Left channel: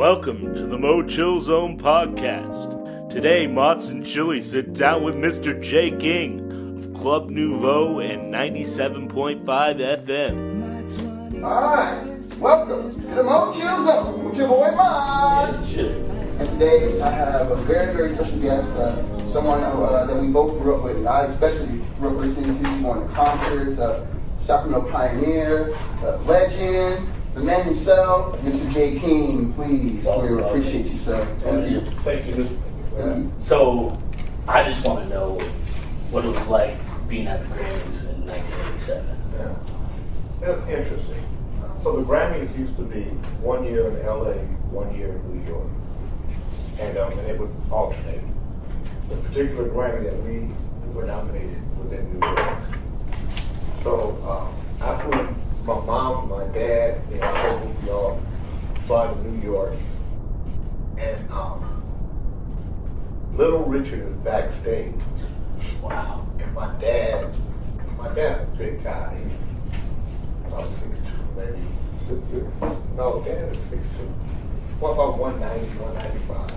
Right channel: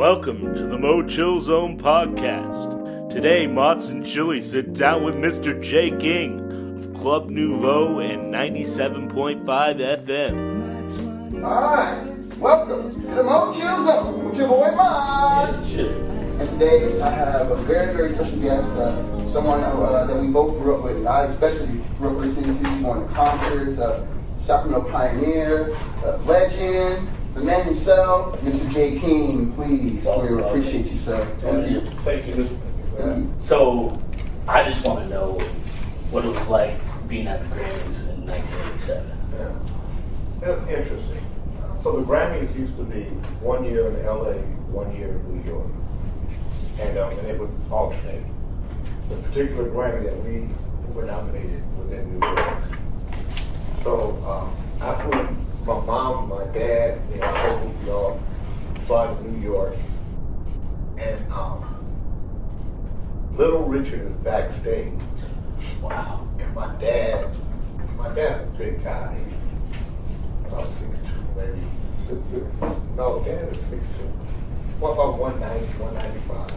Welcome to the MoChill Zone podcast. Today, Mott's and Chili sit down with Mr. J. King of Club Nouveau and 97.5 FM. Alright, welcome to the MoChill Zone with your boy Mott. And today I have a very, very special guest, someone that we both grew up with. I especially grew up listening to, going to concerts, Sacramento Pioneer, legend, the man himself, Mr. J. King, please. We appreciate you, sir. Thank you. Thank you. So, I just want to know what it was like being at the Grammys in 1987. Yeah. That's interesting. So the Grammys used to be 1 year in LA, 1 year in New York. And it would alternate. The particular Grammy that we were nominated was in New York. So I flew my mom, my dad, we all fly to New York. And Little Richard is backstage. Wow. And my dad was a big guy. He's about 6'2", maybe. No, dad is 6'2". What about 190, 195?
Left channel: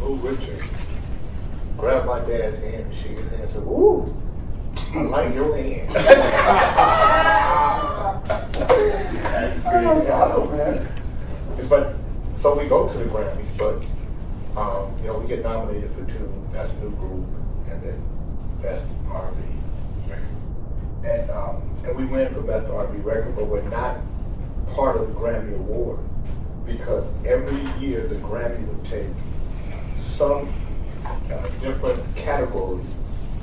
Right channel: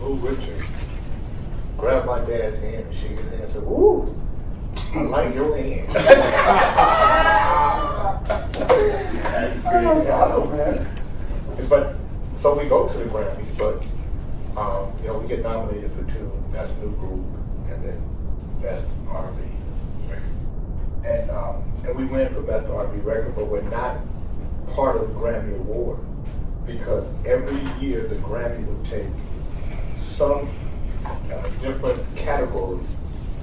Little Richard grabbed my dad's hand and shook his hand and said, "Ooh, I like your hand." That's great. Awesome, man. But so we go to the Grammys, but we get nominated for two: Best New Group and then Best R&B record. And we win for Best R&B record, but we're not part of the Grammy Award because every year the Grammy would take some different categories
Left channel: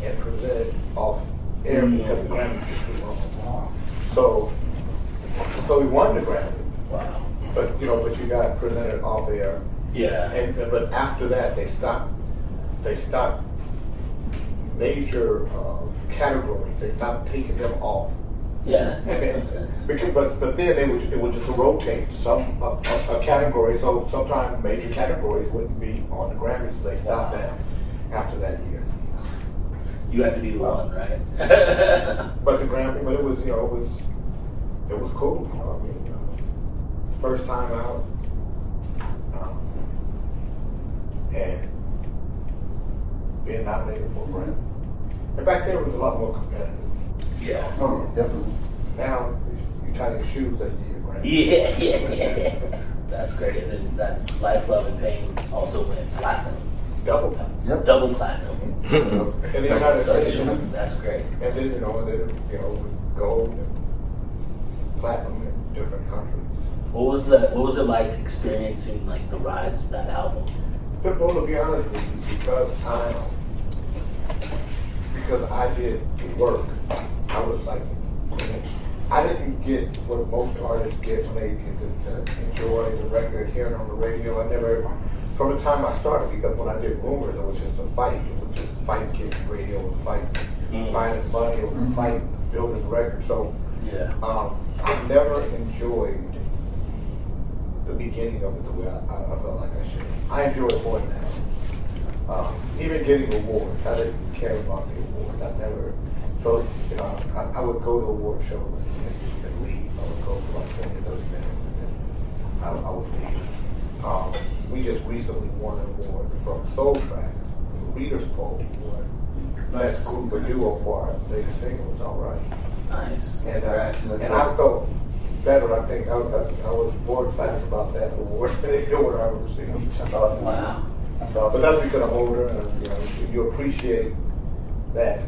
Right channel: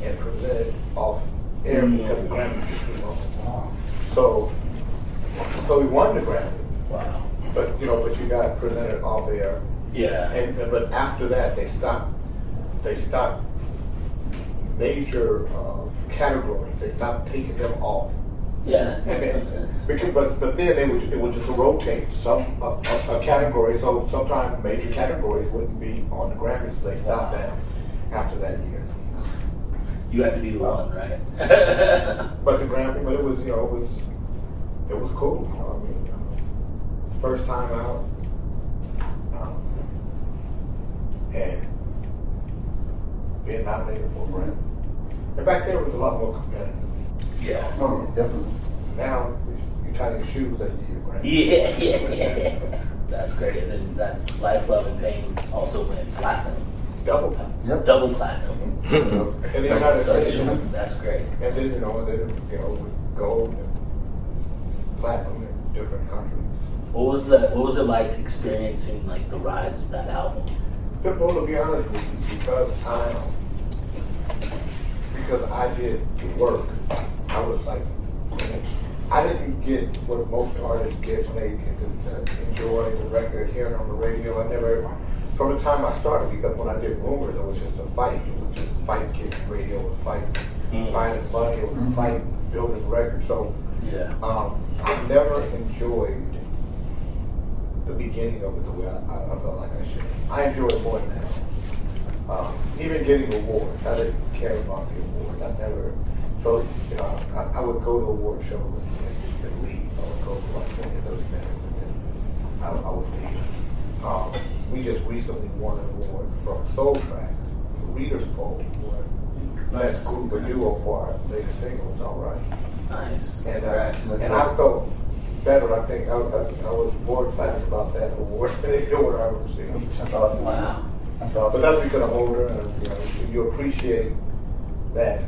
and present it off air because the Grammys are too long. So we won the Grammy. Wow. But you got presented off air. Yeah. But after that they stopped major categories. They stopped taking them off. Yeah, that makes sense. But then it would just rotate a category. So sometimes major categories wouldn't be on the Grammys. So they stopped that after that year. You had to be the one, right? But the Grammy, it was cool. First time out, and being nominated for a Grammy. And back then it was a lot more competitive. Yeah. Oh, yeah, definitely. Now you tie your shoes that you get a Grammy. Yeah. That's great. And then that Life, Love, and Pain also went platinum. Double platinum. Yep. Double platinum. In the United States. That's great. And then with gold and platinum in different countries. What was it like experiencing like the rise of that album? Well, to be honest with you, because I did the work, I was like, I didn't get what most artists get when they get to enjoy the record, hearing on the radio. I never, from the time I started, because when I did Rumors, it was just a fight. It was just a fight getting radio, it was a fight finding money, it was a fight building the record. So Yeah. I never enjoyed the beginning of it the way I felt like I should. I enjoy it more than that. Even getting awards, I didn't care about the awards. I never. So I would go to award shows and leave. I would go for like 20 or 30 minutes and then I would leave. We just recently won an award from Soul Track, from the Readers Poll Award. Best group or duo for our latest single. It's all right. Nice. And I felt better. I think I was more excited about that award than any award I ever received. That's awesome. Wow. That's awesome. But that's because I'm older, and you appreciate that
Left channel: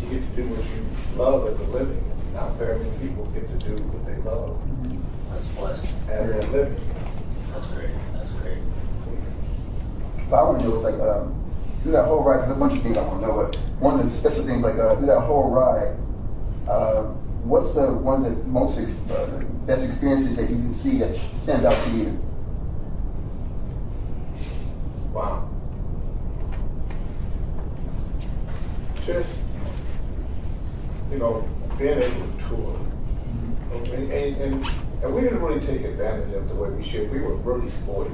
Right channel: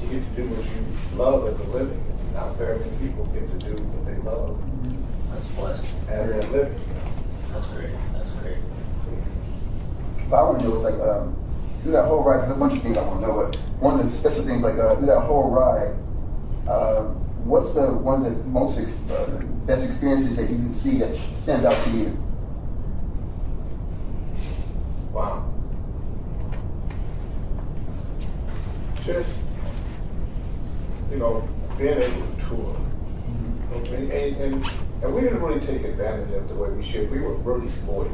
you get to do what you love as a living. And not very many people get to do what they love That's blessed. as a living. That's great. That's great. But I want to know, it's like, through that whole ride, there's a bunch of things I want to know, but one of the special things, like, through that whole ride, what's one of the most best experiences that you can see that stands out to you? Wow. Just, being able to tour. And we didn't really take advantage of the way we should. We were really spoiled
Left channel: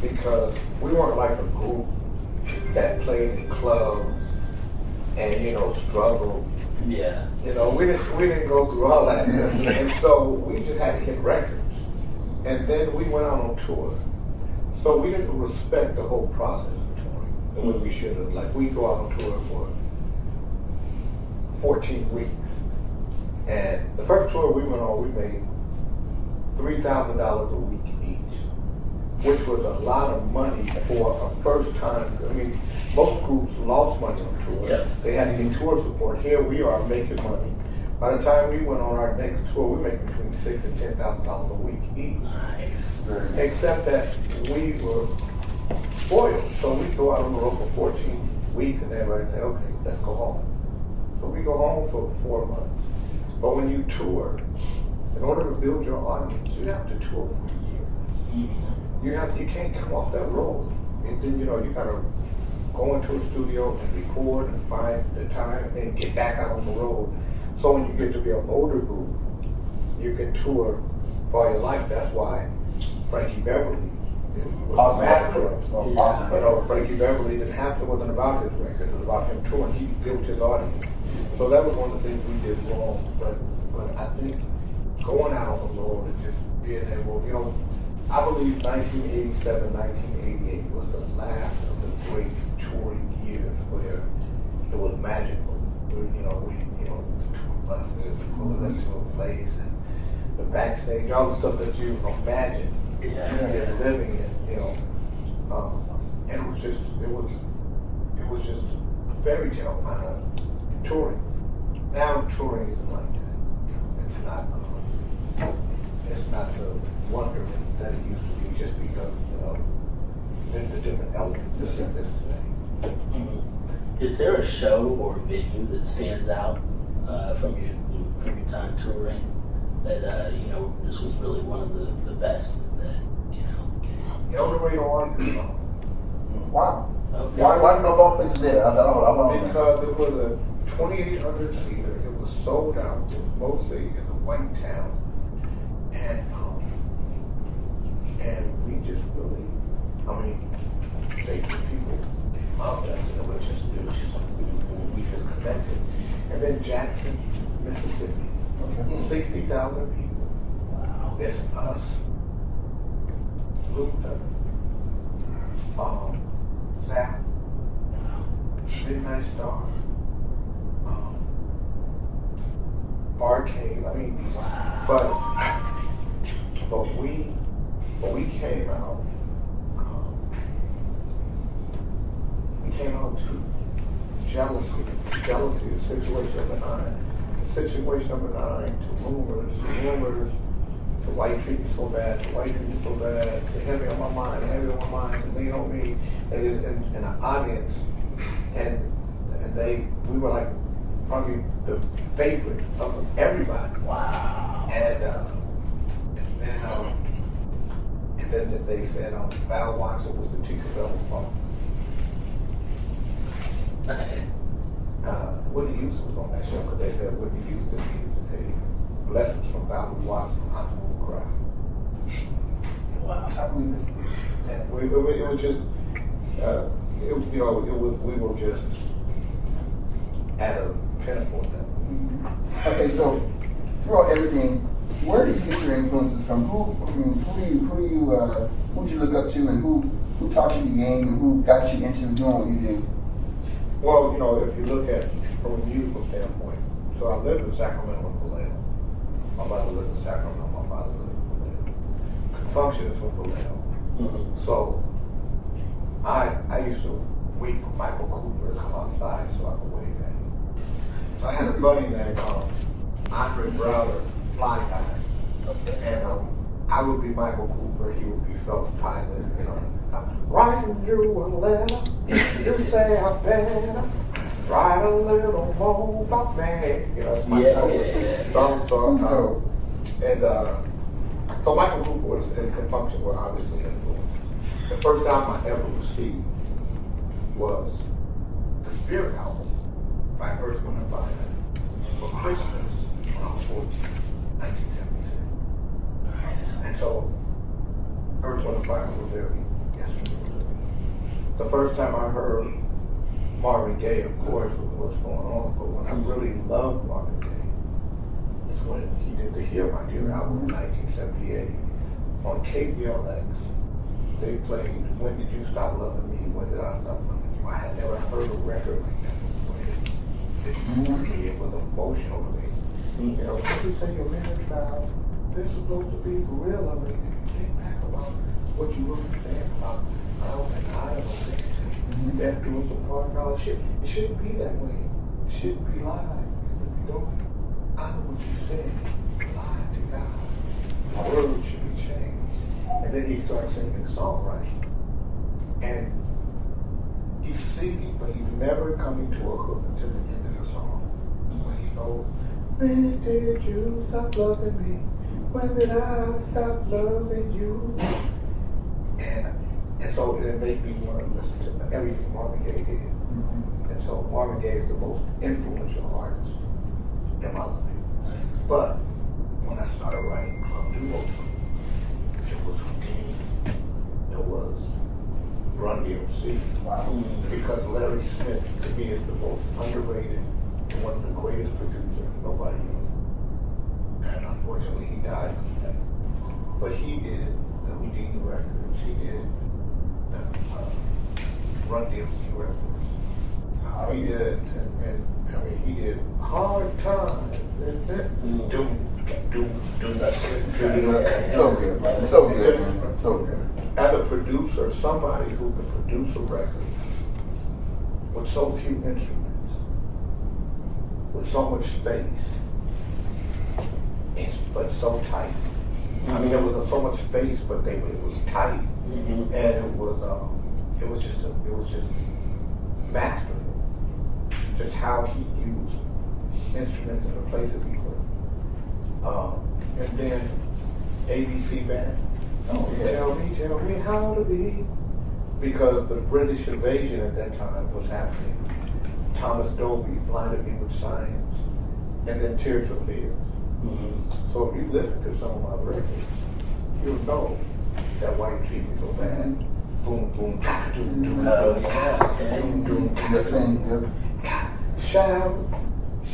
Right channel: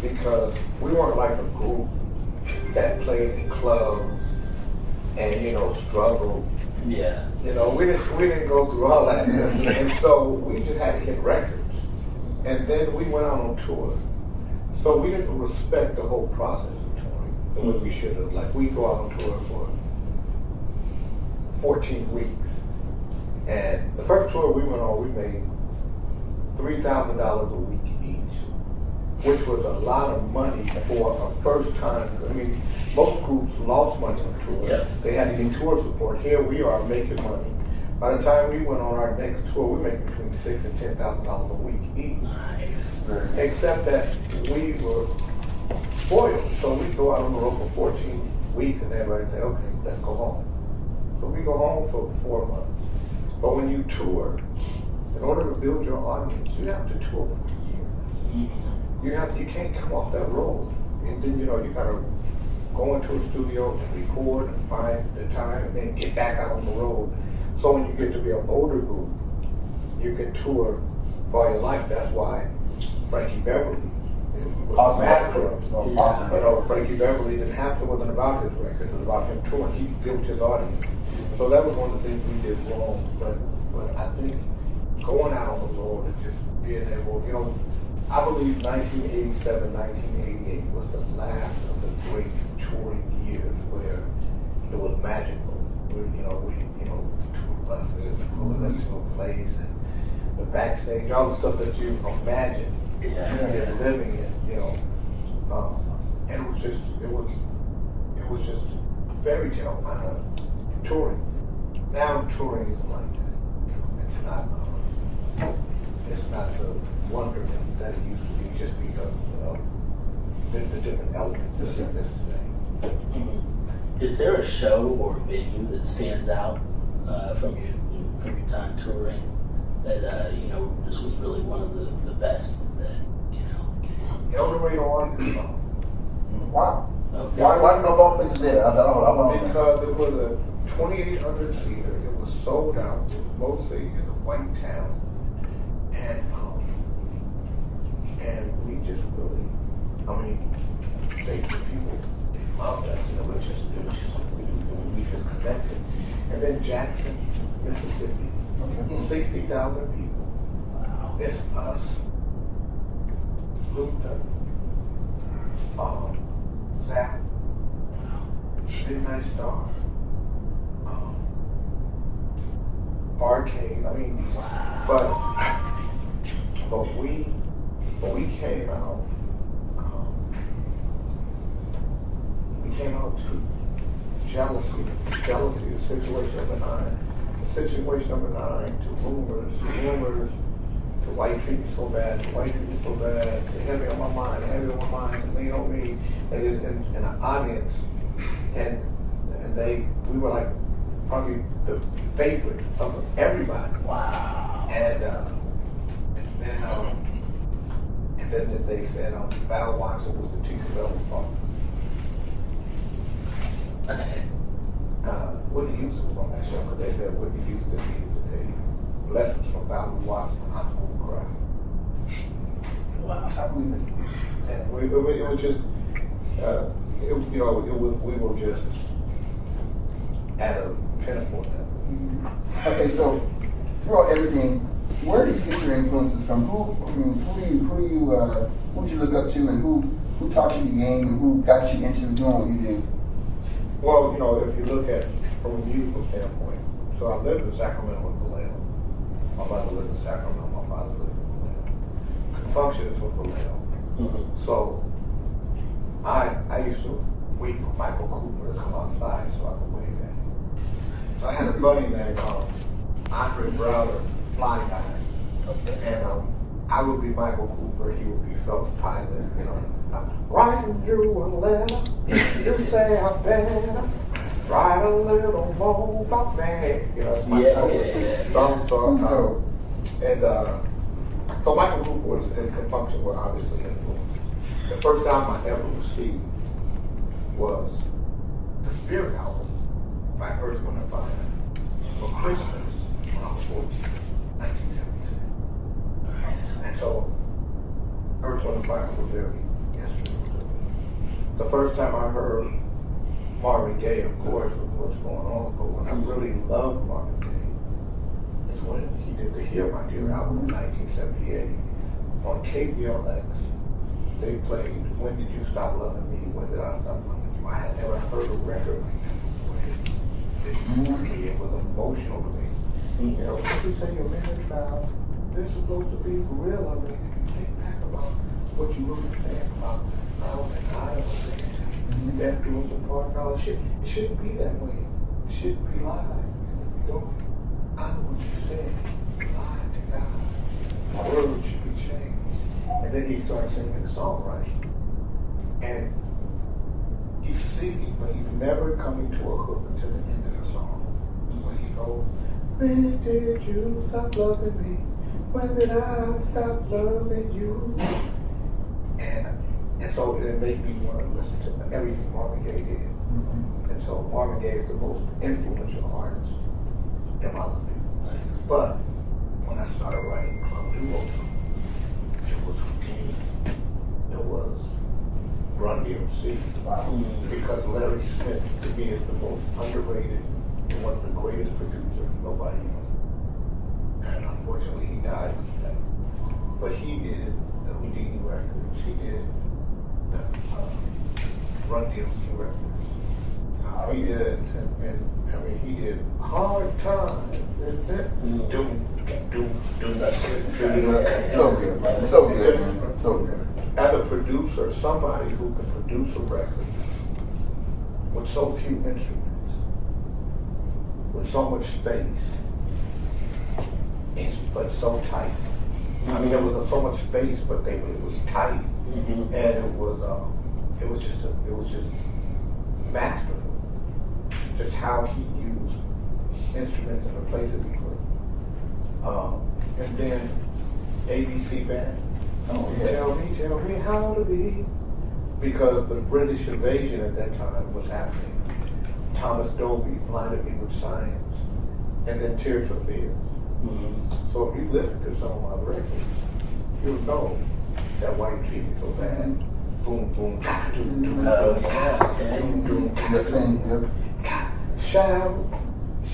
because we weren't like a group that played in clubs and, struggled Yeah. You know, we didn't go through all that. And so we just had to hit records. And then we went out on tour. So we didn't respect the whole process of touring the way we should have. Like, we go out on tour for 14 weeks. And the first tour we went on, we made $3,000 a week each, which was a lot of money for a first time. I mean, most groups lost money on tour. Yep. They had to get tour support. Here we are making money. By the time we went on our next tour, we made between $6,000 and $10,000 a week each. Nice. Except that we were spoiled. So we go out on the road for 14 weeks and everybody say, okay, let's go home. So we go home for 4 months. But when you tour, in order to build your audience, you have to tour for years. You can't come off that road. And then, you gotta go into a studio and record and find the time and then get back out on the road. So when you get to be an older group, you can tour for your life. That's why Frankie Beverly was Awesome. massacred. Awesome. You know, Frankie Beverly wasn't about his record. It was about him touring. He built his audience. So that was one of the things we did wrong. But I think going out on the road and just being able, I believe 1987, 1988 was the last of the great touring years where it was magical. We tour buses, pulling us to a place, and the backstage, all the stuff that you imagine living in, and it was just a fairy tale kind of touring. Now touring isn't like that. It's not the wonderment that it used to be, just because of the different elements that exist today. Is there a show or venue that stands out from your time touring that this was really one of the best that El Dorado, Arkansas. Wow. Okay. Why no more places there? I want to Because it was a 2,800 seater. It was sold out. It was mostly in a white town, and we just really, the people loved us, and it was just we just connected. And then Jackson, Mississippi, 60,000 people. Wow. It's us, Luther, Zap, Midnight Star, Arcade. But we came out. We came out to jealousy is situation number 9. The situation number 9 to rumors, the white treat me so bad, they heavy on my mind, and lean on me, and an audience, and we were like probably the favorite of everybody. Wow. And then they said Val Watson was the teacher of the funk. Whitney Houston was on that show because they said Whitney Houston needed to take lessons from Val Watson on how to move a crowd. Wow. I believe it. And it was just, we were just at a pinnacle at that point. Okay, so throughout everything, where did you get your influences from? Who did you look up to, and who taught you the game, and who got you into doing what you do? Well, if you look at from a musical standpoint, so I lived in Sacramento and Vallejo. My mother lived in Sacramento, my father lived in Vallejo. Confunction is from Vallejo. So I used to wait for Michael Cooper to come outside so I could wave at him. So I had a buddy named Andre Browder, Fly Guy. And I would be Michael Cooper, he would be Phelps Pilot, writing you a letter, you say I better write a little more about me. It's my So Michael Cooper was and Confunction were obviously influences. The first album I ever received was the Spirit album by Earth, Wind & Fire for Christmas when I was 14, 1976. Nice. And so Earth, Wind & Fire were very instrumental. The first time I heard Marvin Gaye, of course, with what's going on. But when I really loved Marvin Gaye is when he did the Hear My Dear album in 1978 on KBLX. They played When Did You Stop Loving Me? When Did I Stop Loving You? I had never heard a record like that before. It moved me. It was emotional to me. You know, when you say your marriage vows, they're supposed to be for real. I mean, if you think back about what you were saying about love and I and death do us apart and all that shit, it shouldn't be that way. It shouldn't be lied. Because if you don't honor what you said, lie to God. The words should be changed. And then he starts singing the songwriting. And he's singing, but he's never coming to a hook until the end of the song. When he goes, when did you stop loving me? When did I stop loving you? And so it made me want to listen to everything Marvin Gaye did. And so Marvin Gaye is the most influential artist in my life. Nice. But when I started writing Club Nouveau, it was Houdini, it was Run DMC. Wow. Because Larry Smith, to me, is the most underrated and one of the greatest producers nobody knows. And unfortunately, he died like that. But he did the Houdini records, he did the Run DMC records. He did, and I mean, he did Hard Times, Doom. So good, so good, man. So good. As a producer, somebody who can produce a record with so few instruments, with so much space, but so tight. I mean, there was so much space, but it was tight, and it was just masterful. Just how he used instruments in the places he put. And then ABC Band. Oh, yeah. Tell me how to be. Because the British invasion at that time was happening. Thomas Dolby blinded me with science. And then Tears for Fears. So if you listen to some of my records, you'll know that white treat me so bad. Boom, boom, doom, doom, doom, doom, doom. Shout.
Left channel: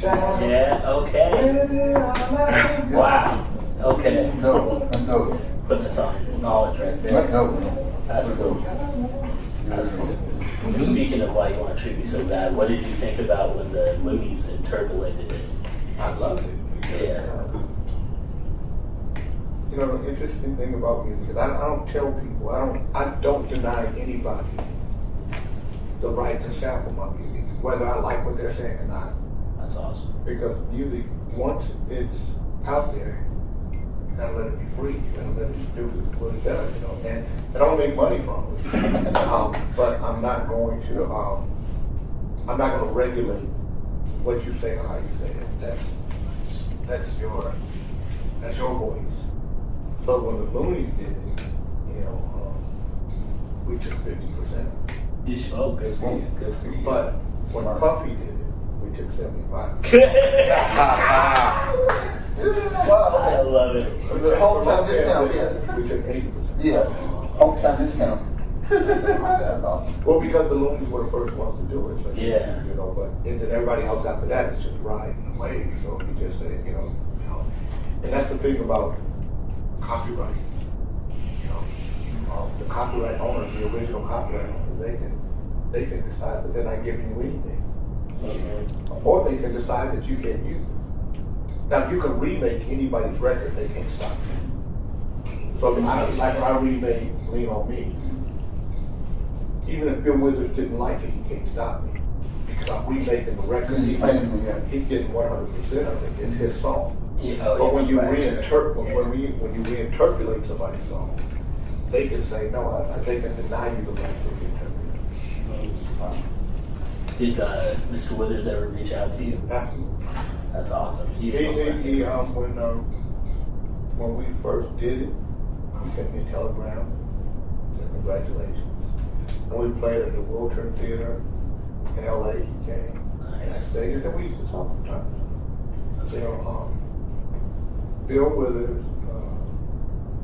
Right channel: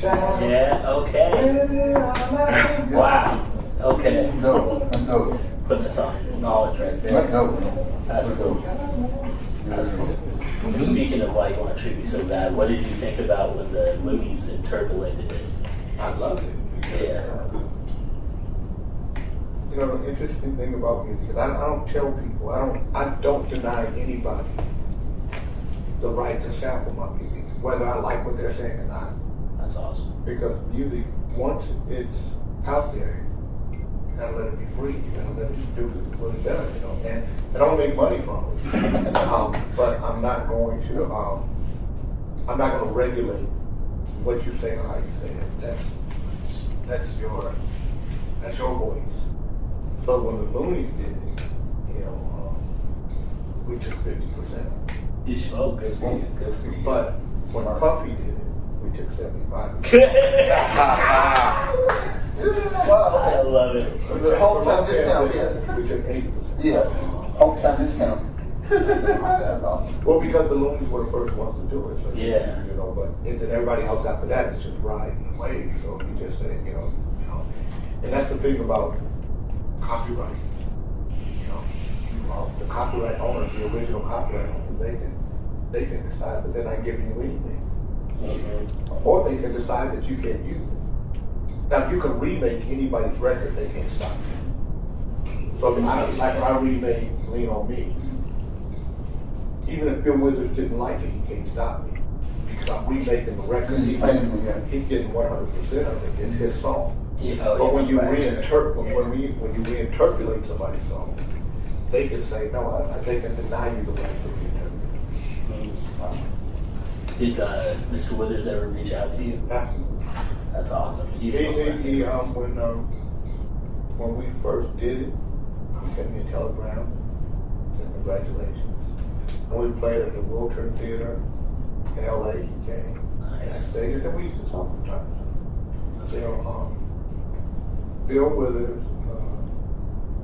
Yeah, okay. Wow. Okay. No. Put this on knowledge right there. That's cool. That's cool. Speaking of why you want to treat me so bad, what did you think about when the Loonies interpolated it? I love it. Yeah. You know, the interesting thing about music is I don't tell people, I don't deny anybody the right to sample my music, whether I like what they're saying or not. That's awesome. Because music, once it's out there, you gotta let it be free. You gotta let it do what it does, you know. And I don't make money from it. But I'm not going to regulate what you say or how you say it. That's your voice. So when the Loonies did it, you know, we took 50%. Oh, good for you. Good for you. But when Puffy did it, we took 75%. I love it. The whole time discount, yeah. We took 80%. Yeah, whole time discount. Well, because the Loonies were the first ones to do it, so yeah, you know. But and then everybody else after that is just riding the wave. So we just said, you know, and that's the thing about copyright. You know, the copyright owners, the original copyright owners, they can decide that they're not giving you anything, or they can decide that you can't use it. Now, you can remake anybody's record; they can't stop you. So, I remade "Lean on Me." Even if Bill Withers didn't like it, he can't stop me because I'm remaking the record. He's getting 100% of it. It's his song. Yeah, but when you reinterpolate somebody's song, they can say no. They can deny you the right to reinterpolate. Did Mr. Withers ever reach out to you? Absolutely. That's awesome. When we first did it, he sent me a telegram. Said congratulations. And we played at the Wiltern Theater in LA. He came. Nice. And we used to talk from time to time. That's Bill Withers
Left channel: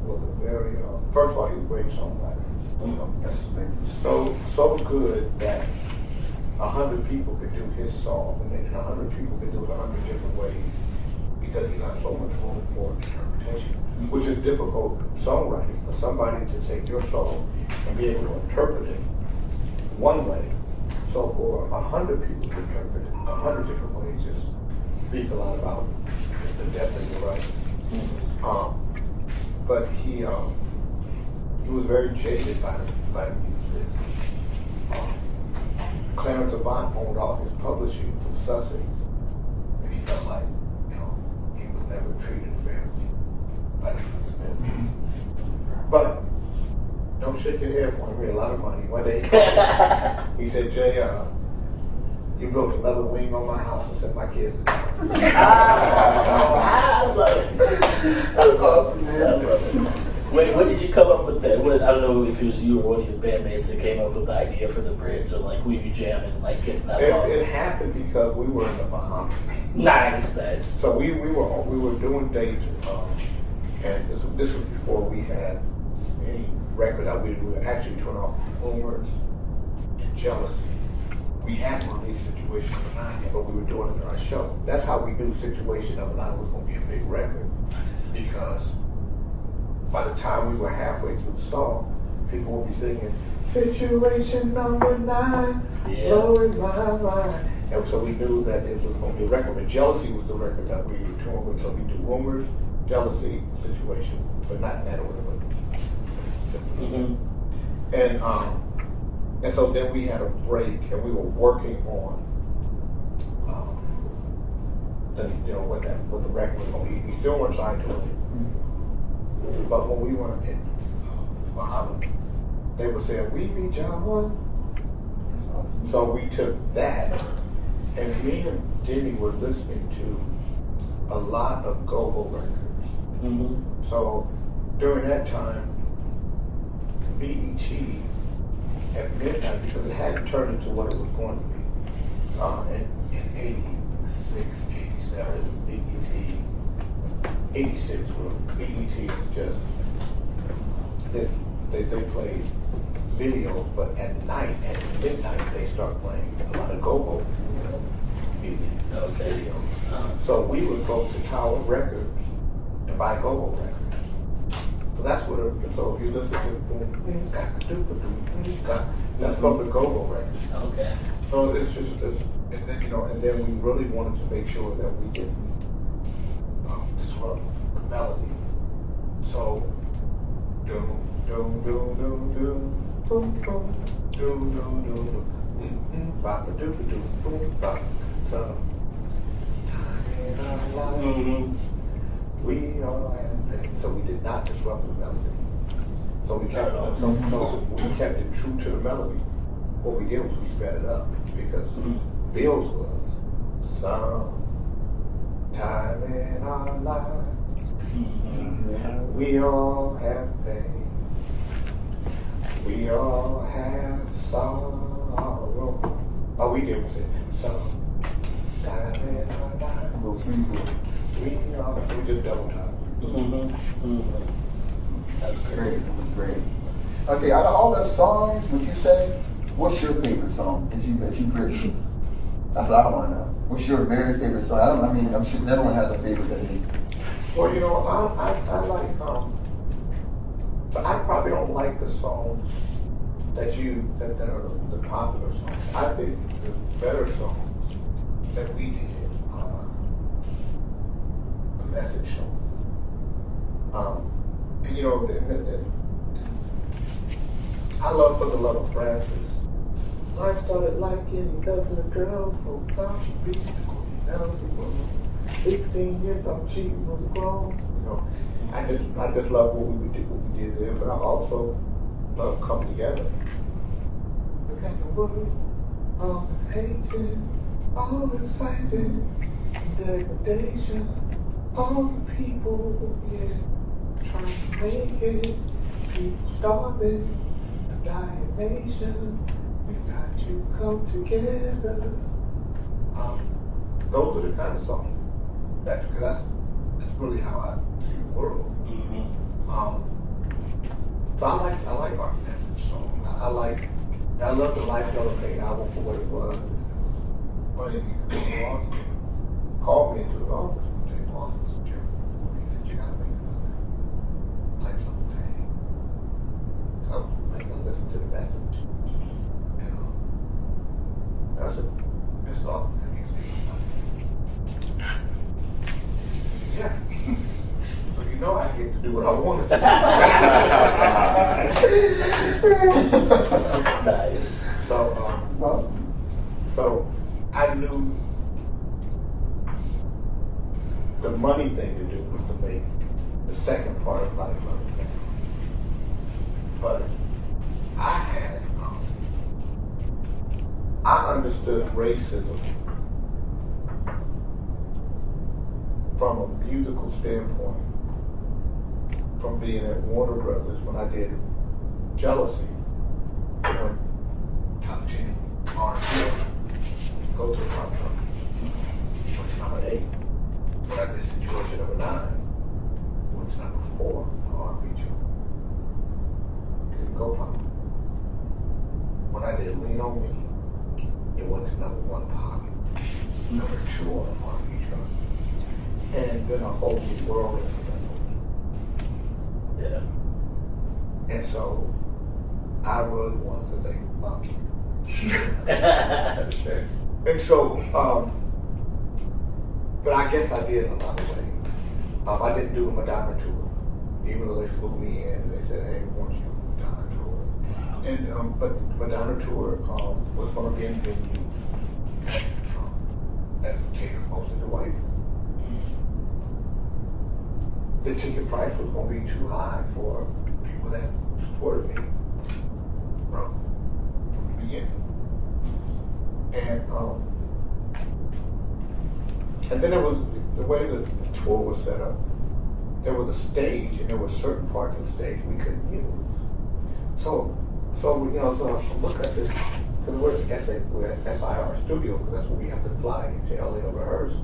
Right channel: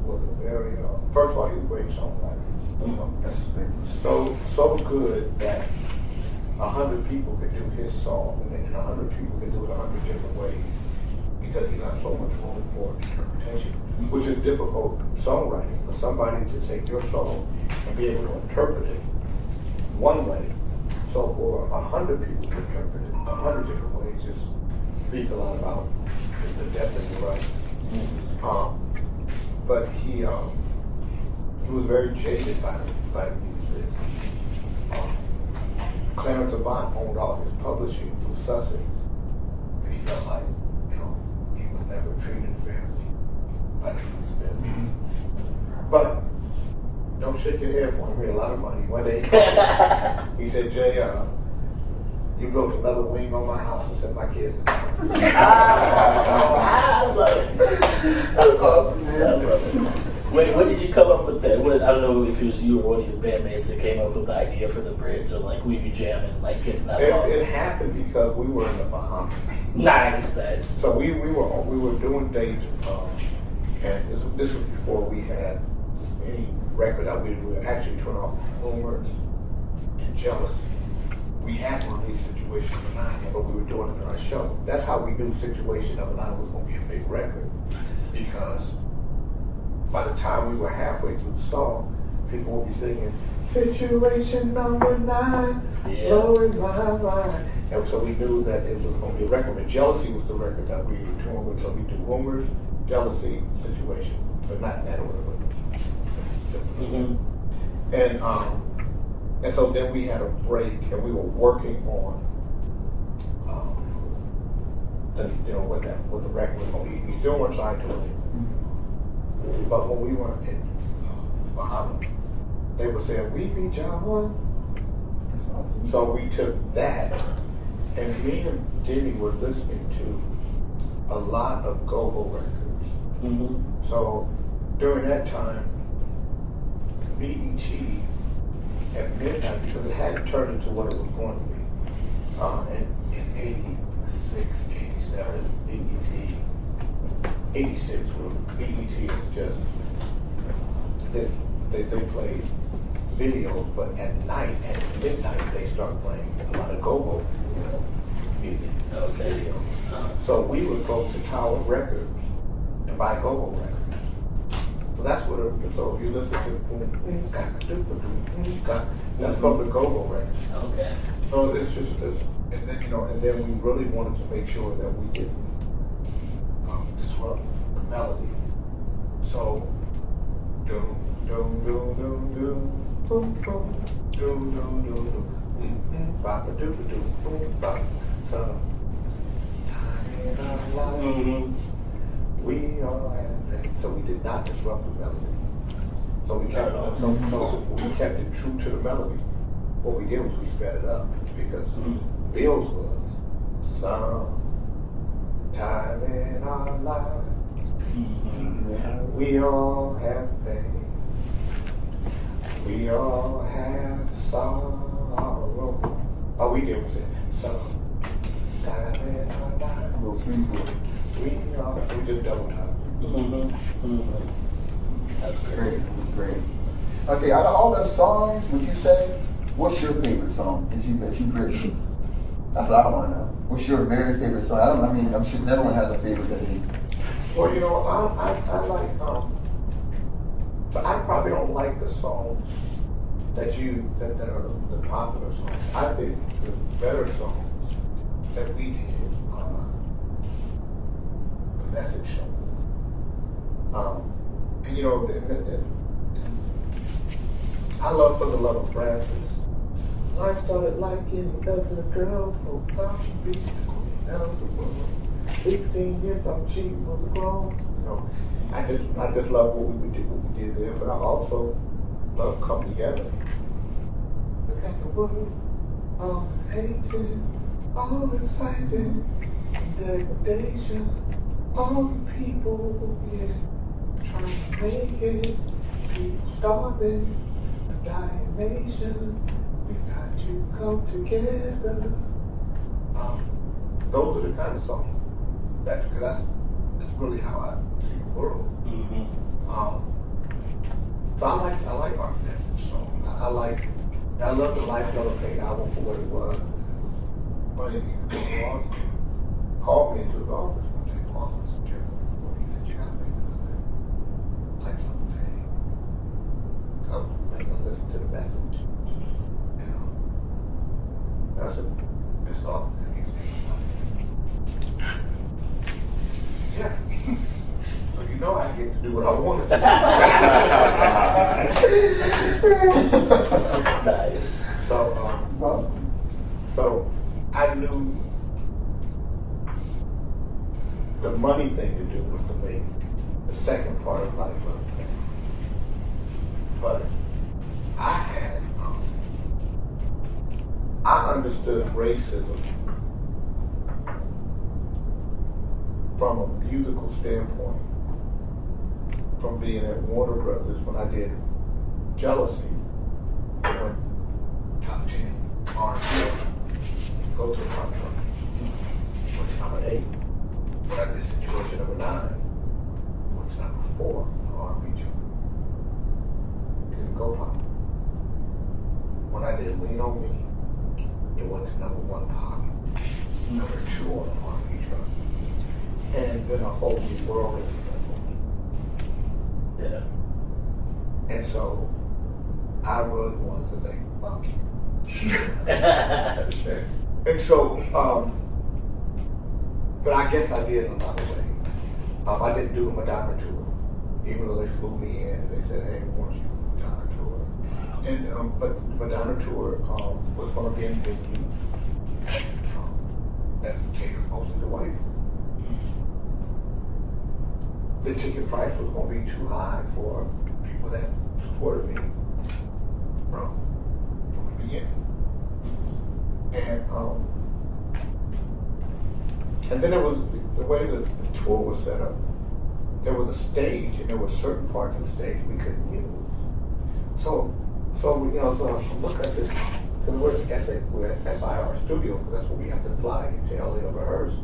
was a very first of all, he was a great songwriter. So good that 100 people could do his song, and 100 people could do it 100 different ways because he left so much room for interpretation, which is difficult songwriting for somebody to take your song and be able to interpret it one way. So for 100 people to interpret it 100 different ways just speaks a lot about the depth of your writing. But he was very jaded by the music. Clarence Avant owned all his publishing from Sussex, and he felt like, he was never treated fairly by the Smith. But don't shake your head for him. He made a lot of money. One day he said, Jay, you built another wing on my house and sent my kids to town. I love it. That's awesome, man. I love it. Wait, when did you come up with that? I don't know if it was you or one of your bandmates that came up with the idea for the bridge, or like we be jamming, like getting that. It happened because we were in the Bahamas. Nice. So we were doing dates, and this was before we had any record out. We were actually turning off Rumors and Jealousy. We hadn't released Situation Number 9 yet, but we were doing it on our show. That's how we knew Situation Number 9 was going to be a big record, because by the time we were halfway through the song, people would be singing Situation Number 9, blowing my mind. And so we knew that it was going to be a record. But Jealousy was the record that we were touring with. So we do Rumors, Jealousy, Situation, but not in that order. And so then we had a break, and we were working on what the record was going to be. We still weren't signed to it. But when we were in Bahamas, they were saying, we be John. So we took that, and me and Demi were listening to a lot of go-go records. So during that time, BET at midnight, because it hadn't turned into what it was going to be. In 86, 87, BET. 86 BET is just they play videos, but at night, at midnight, they start playing a lot of go-go music. Okay. So we would go to Tower Records and buy go-go records. So that's what. So if you listen to that's from the go-go records. Okay. So it's just this, and then we really wanted to make sure that we didn't disrupt the melody. So, doom, doom, doom, doom, doom, boom, boom, doom, doom, doom, doom, bop, doom, doom, boom, bop. So, time in our life, we all have pain. So we did not disrupt the melody. So we kept we kept it true to the melody. What we did was we sped it up, because Bill's was some time in our life, we all have pain, we all have sorrow. All we did was say, some time in our life, A little swing to it. we just double time. That's Great. It was great. Okay, out of all those songs, would you say, what's your favorite song that you've written? That's what I want to know. What's your very favorite song? I'm sure everyone has a favorite that they. Well, I like, but I probably don't like the songs that are the popular songs. I think the better songs that we did are the message song. I love For the Love of Francis. Life started like any other girl, folks thought she'd be the queen of the world. 16 years, thought she was grown. I just love what we did there, but I also love Come Together. Look at the world, all this hatred, all this fighting, degradation, all the people, trying to make it, people starving, a dying nation. We got to come together. Those are the kind of songs because that's really how I see the world. Mm-hmm. So I like our message song. I like I love the Life Never Paid album for what it was. It was funny because Ross called me into his office one day. Ross was Jim. He said, "You gotta make another Life Never Paid. Come, make them listen to the message." And that's a pissed off at me. Yeah. So you know I get to do what I want to do. Nice. So I knew the money thing to do was to make the second part of Life Never Paid. But I understood racism from a musical standpoint, from being at Warner Brothers when I did Jealousy, when top 10 R&B, go to the front row, went to number 8. When I did Situation number 9, went to number 4, the R&B chart. Didn't go pop. When I did Lean on Me, it went to number 1 pop, number 2 on the R&B chart. And then a whole new world is Yeah. and so I really wanted to think, fuck you. Sure. And so, but I guess I did in a lot of ways. I didn't do a Madonna tour, even though they flew me in and they said, "Hey, we want you on the Madonna tour." Wow. And but the Madonna tour was going to be in venues that catered mostly to white folks. The ticket price was going to be too high for people that supported me from the beginning. And then there was the way the tour was set up. There was a stage, and there were certain parts of the stage we couldn't use. So I look at this because we're at SIR Studio because that's where we have to fly into LA to rehearse.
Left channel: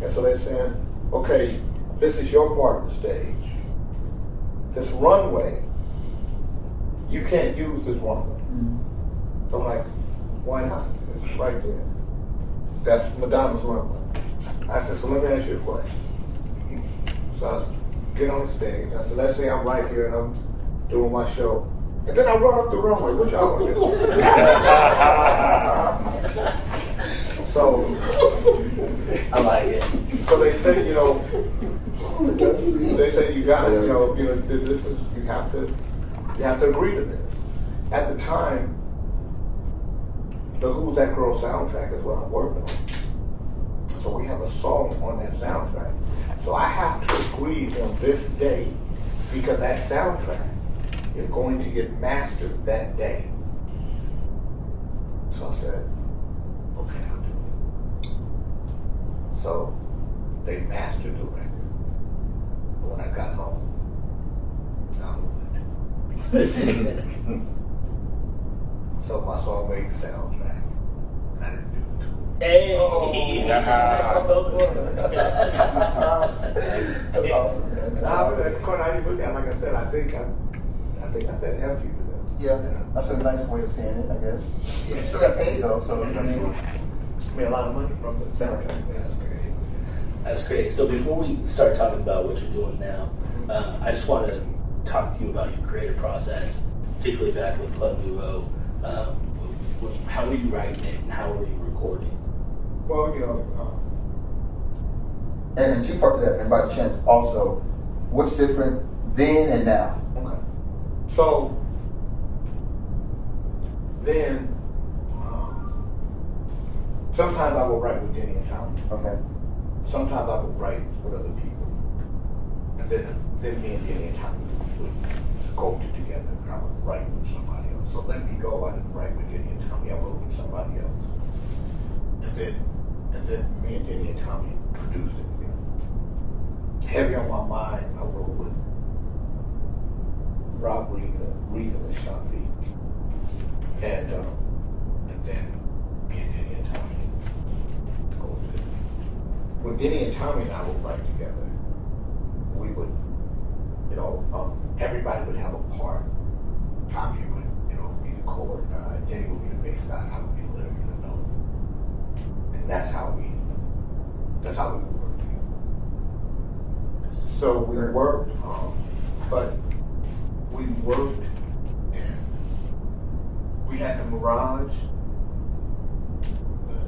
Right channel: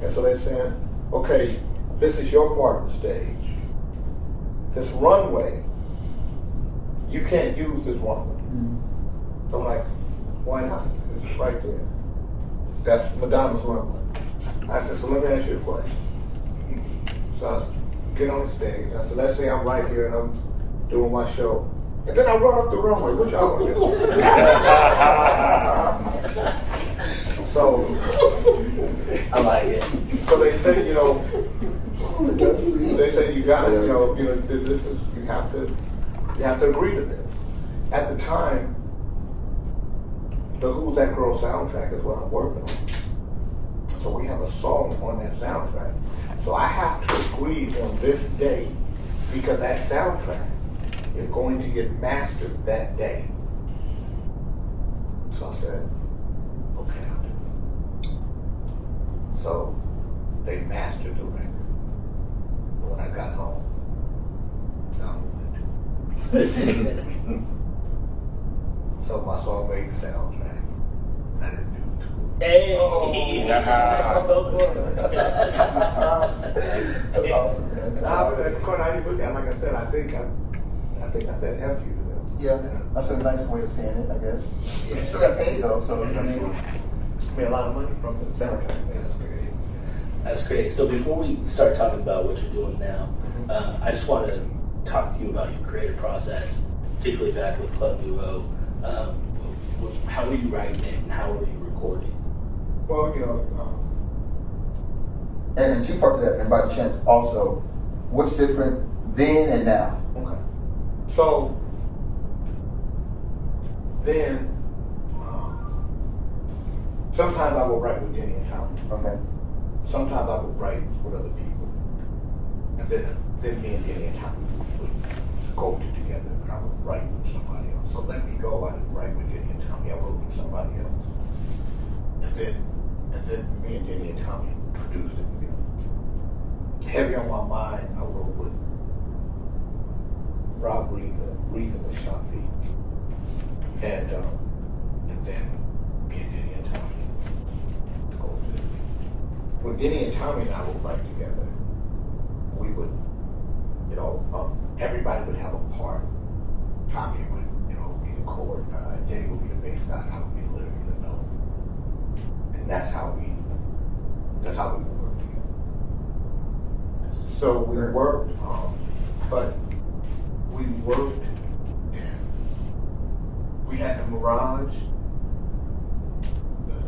And so they said, "Okay, this is your part of the stage. This runway, you can't use this runway." Mm-hmm. So I'm like, "Why not? It's right there. That's Madonna's runway." I said, "So let me ask you a question." So I get on the stage. I said, "Let's say I'm right here and I'm doing my show. And then I run up the runway. What y'all want to do?" So I like it. So they say, they say you got to, this is you have to agree to this. At the time, the Who's That Girl soundtrack is what I'm working on. So we have a song on that soundtrack. So I have to agree on this day because that soundtrack is going to get mastered that day. So I said, "Okay, I'll do it." So they mastered the record. But when I got home, sound went. So my song made the soundtrack, and I didn't do the tour. Hey! That's awesome, man. I was at the corner. How you look at it? Like I said, I think I said F you to them. Yeah, that's a nice way of saying it, I guess. You still got paid though, so I mean, Made a lot of money from the soundtrack. That's great. That's great. So before we start talking about what you're doing now, I just want to talk to you about your creative process, particularly back with Club Nouveau. How were you writing it and how were you recording? Well, and two parts of that, and by chance also, what's different then and now? okay. So then, sometimes I would write with Denny and Tommy. Okay. Sometimes I would write with other people. And then me and Denny and Tommy would sculpt it together, and I would write with somebody else. So Let Me Go, I didn't write with Denny and Tommy, I wrote with somebody else. And then me and Denny and Tommy produced it together. Heavy on My Mind, I wrote with Rob Reason and Shafi. And then me and Denny and Tommy sculpted it. When Denny and Tommy and I would write together, we would, everybody would have a part. Tommy would, be the chord guy, Danny would be the bass guy, I would be the lyric and the melody. And that's how we would work together. So we worked, but we worked and we had the Mirage, the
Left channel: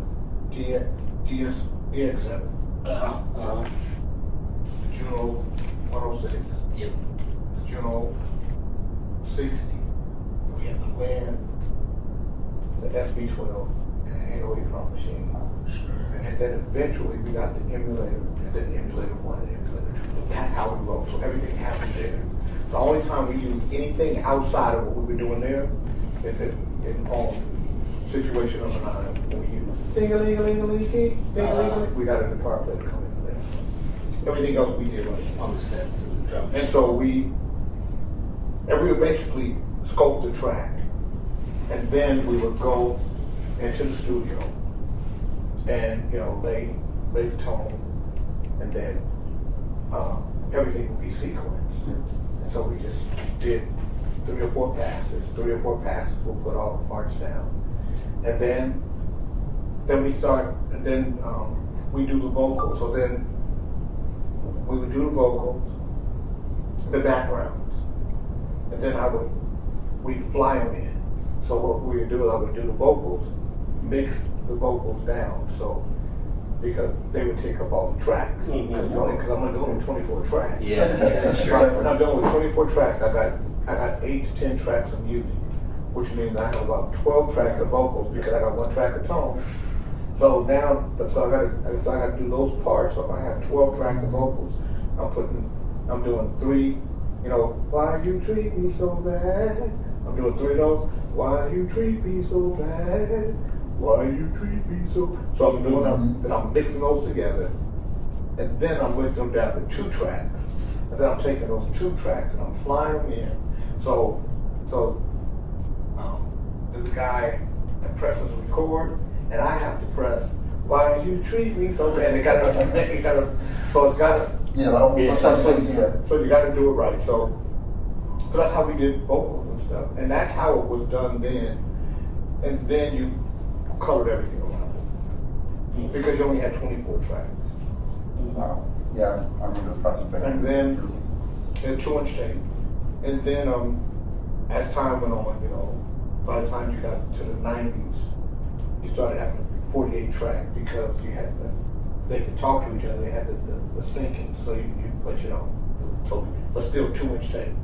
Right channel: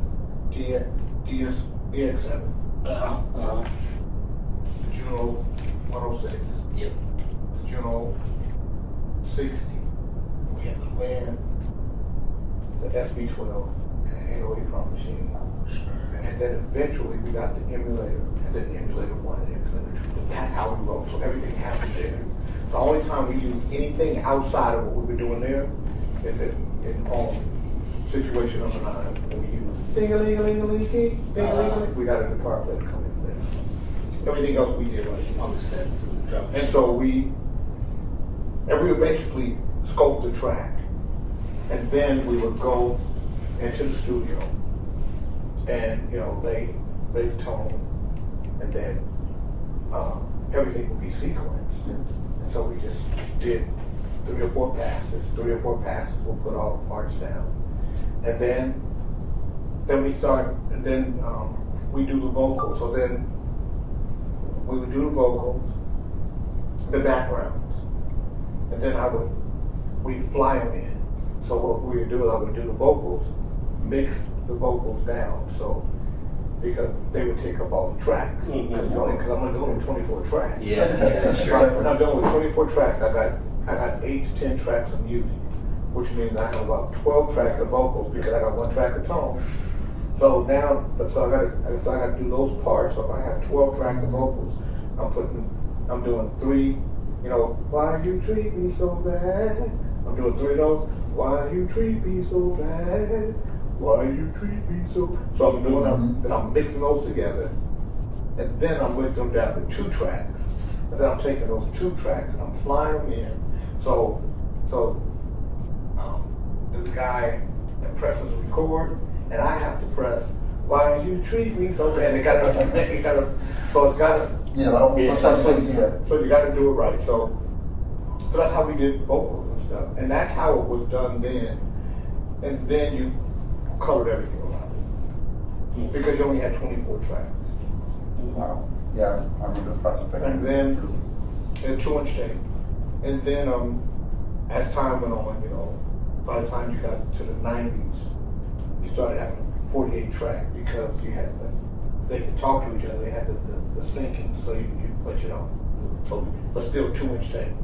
DX7, the Juno 106, Yep. the Juno 60. We had the Land, the SB12, and an 808 drum machine. Sure. And then eventually we got the emulator, and then the emulator 1 and emulator 2. But that's how we wrote. So everything happened there. The only time we used anything outside of what we were doing there is in situation number 9, when we used ding-a-ling-a-ling-a-ling-a-ling, we got a guitar player to come in there. Everything else we did right On the sets and the drum. and so we would basically scope the track, and then we would go into the studio and lay the tone, and then everything would be sequenced. And so we just did 3 or 4 passes. 3 or 4 passes, we'll put all the parts down, and then we start, and then we do the vocals. So then we would do the vocals, the backgrounds, and then we'd fly them in. So what we would do is I would do the vocals, mix the vocals down, so because they would take up all the tracks. Because I'm only doing 24 tracks. Yeah, sure. So when I'm done with 24 tracks, I got 8 to 10 tracks of music, which means I have about 12 tracks of vocals because I got 1 track of tone. So now, I gotta do those parts. So if I have 12 tracks of vocals, I'm doing 3. Why you treat me so bad? I'm doing 3 of those. Why you treat me so bad? Why you treat me so? So I'm doing then I'm mixing those together, and then I'm mixing them down to 2 tracks, and then I'm taking those 2 tracks and I'm flying them in. So there's a guy that presses record, and I have to press why you treat me so bad. So it's got to. So you got to do it right. So that's how we did vocals and stuff, and that's how it was done then. And then you colored everything around it because you only had 24 tracks. Wow. Yeah, I remember the process back And then 2-inch tape. And then as time went on, by the time you got to the 90s, you started having 48 tracks because you had they could talk to each other. They had the syncing, so but still 2-inch tape.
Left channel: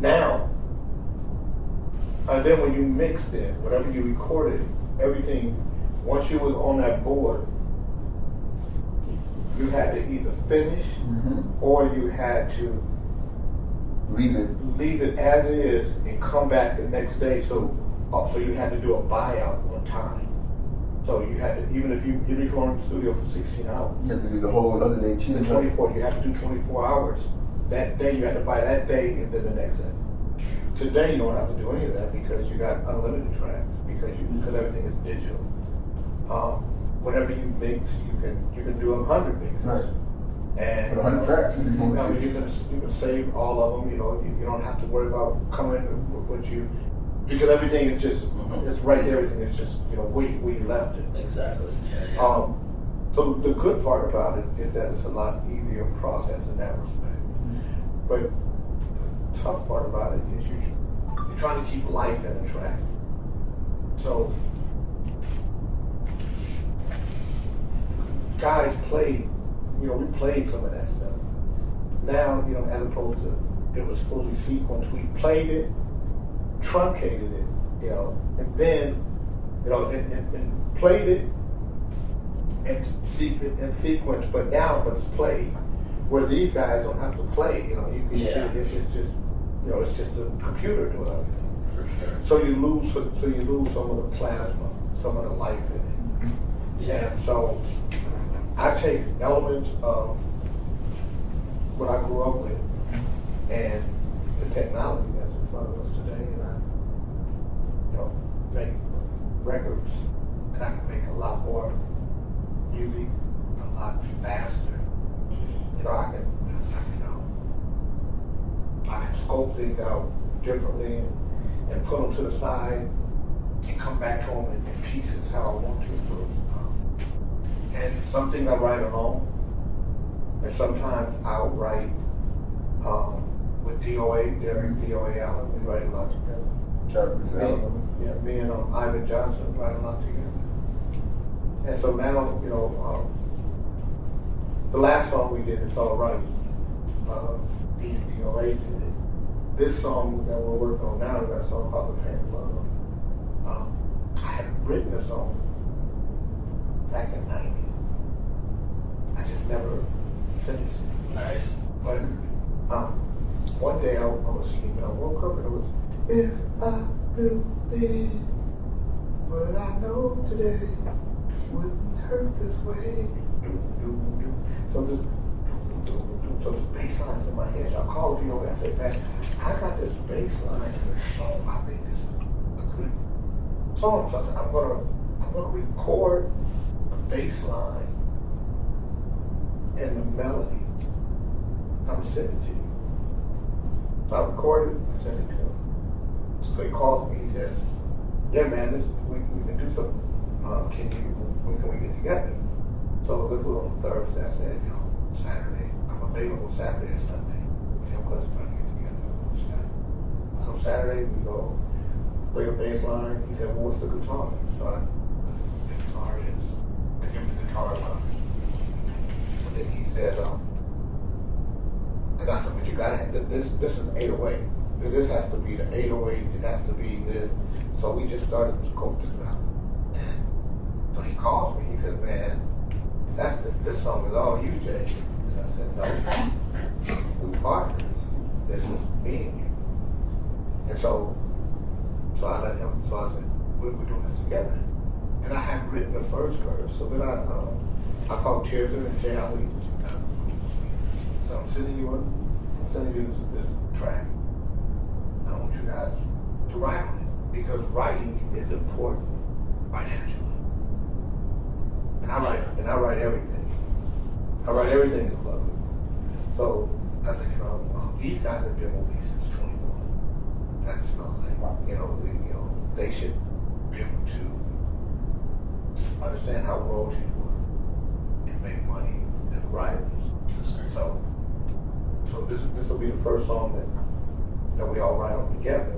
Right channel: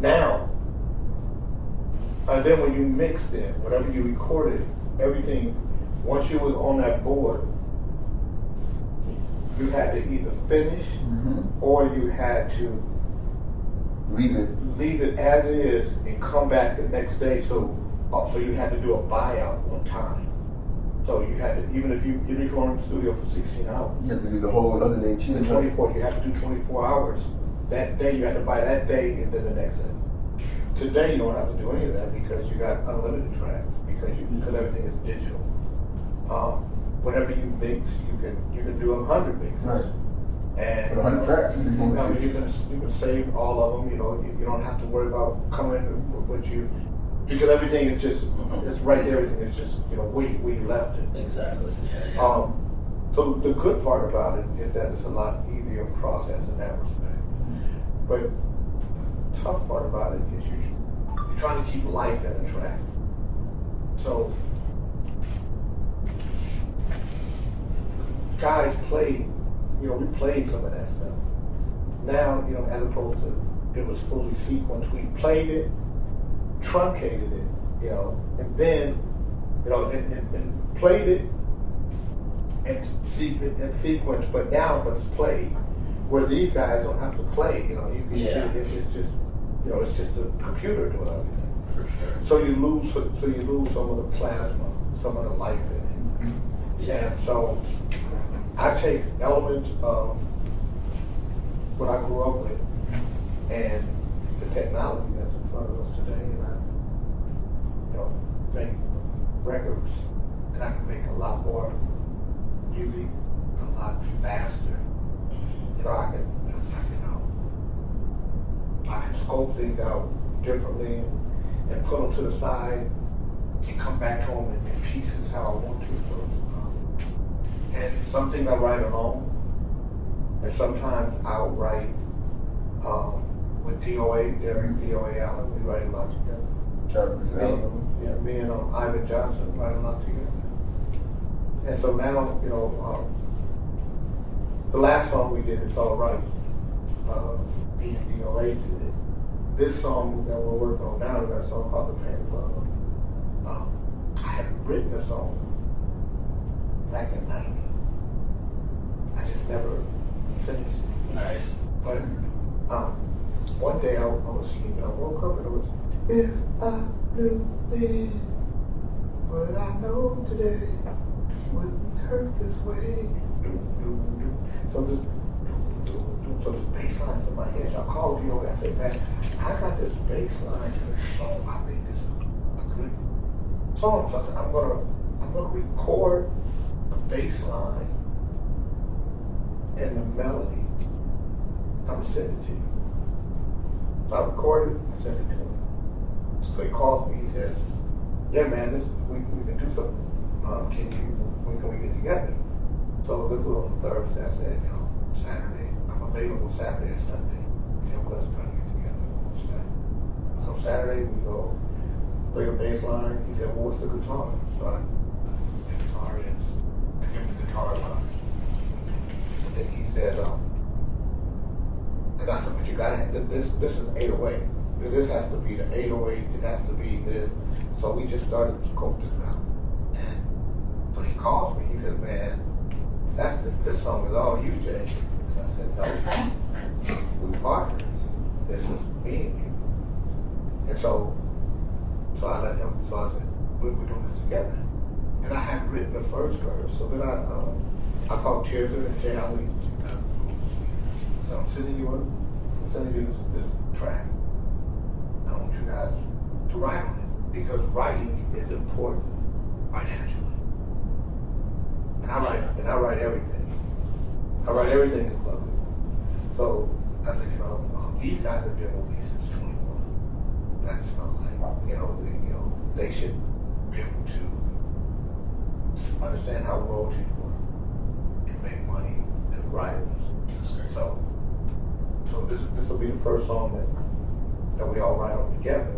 Now, and then when you mixed it, whatever you recorded, everything, once you was on that board, you had to either finish or you had to leave it as is and come back the next day. So you had to do a buyout on time. So you had to, even if you were in the studio for 16 hours. You had to do the whole other day too. 24, you had to do 24 hours. That day you had to buy that day and then the next day. Today you don't have to do any of that because you got unlimited tracks because everything is digital. Whenever you mix, you can do 100 mixes. Right. And 100 tracks. You can save all of them. You don't have to worry about coming with you because everything is just it's right there. Everything is just where you left it. Exactly. Yeah. So the good part about it is that it's a lot easier process in that respect. But the tough part about it is you're trying to keep life in a track. So guys played, we played some of that stuff. Now, as opposed to it was fully sequenced, we played it, truncated it, and then, and played it and sequenced, but it's played. Where these guys don't have to play, it's just, it's just a computer doing everything. For sure. So you lose some of the plasma, some of the life in it. Yeah. And so I take elements of what I grew up with and the technology that's in front of us today, and I, make records, and I can make a lot more music, a lot faster. I can scope things out differently and put them to the side and come back to them in pieces how I want to. So, and some things I write alone, and sometimes I'll write with DOA, Derek DOA Allen. We write a lot together. Yeah, me and Ivan Johnson write a lot together. And so now, the last song we did, It's All Right, me and DOA did it. This song that we're working on now, we got a song called The Pain of Love. I had written a song back in '90. I just never finished it. Nice. But one day I was sleeping, I woke up and it was, if I knew then what I know today wouldn't hurt this way. So this bass line's in my head. So I called DOA. I said, man, I got this bass line in the song. I think this is a good song. So I said, I'm gonna record a bass line and the melody. I'm gonna send it to you. So I recorded it, I sent it to him. So he calls me, he says, yeah man, we can do something. When can we get together? So this was on Thursday. I said, Saturday. I'm available Saturday and Sunday. He said, well, let's try to get together on Saturday. So Saturday we go, play the bass line. He said, well, what's the guitar? So I said, the guitar is, I give him the guitar line. And then he said, and I said, but you gotta have, this is 808. This has to be the 808, it has to be this. So we just started to scope this out. And so he calls me, he says, man, this song is all you, Jay. And I said, no, we partners. This is me and you. And so I let him, so I said, we're doing this together. And I had written the first verse, so then I called Tears and Jay Ali. So I'm sending you this track. I want you guys to write on it because writing is important financially. And I write everything. I write everything in Club Nouveau. So I said, these guys have been with me since 21. And I just felt like, they should be able to understand how royalties work and make money as writers. So this will be the first song that we all write on together,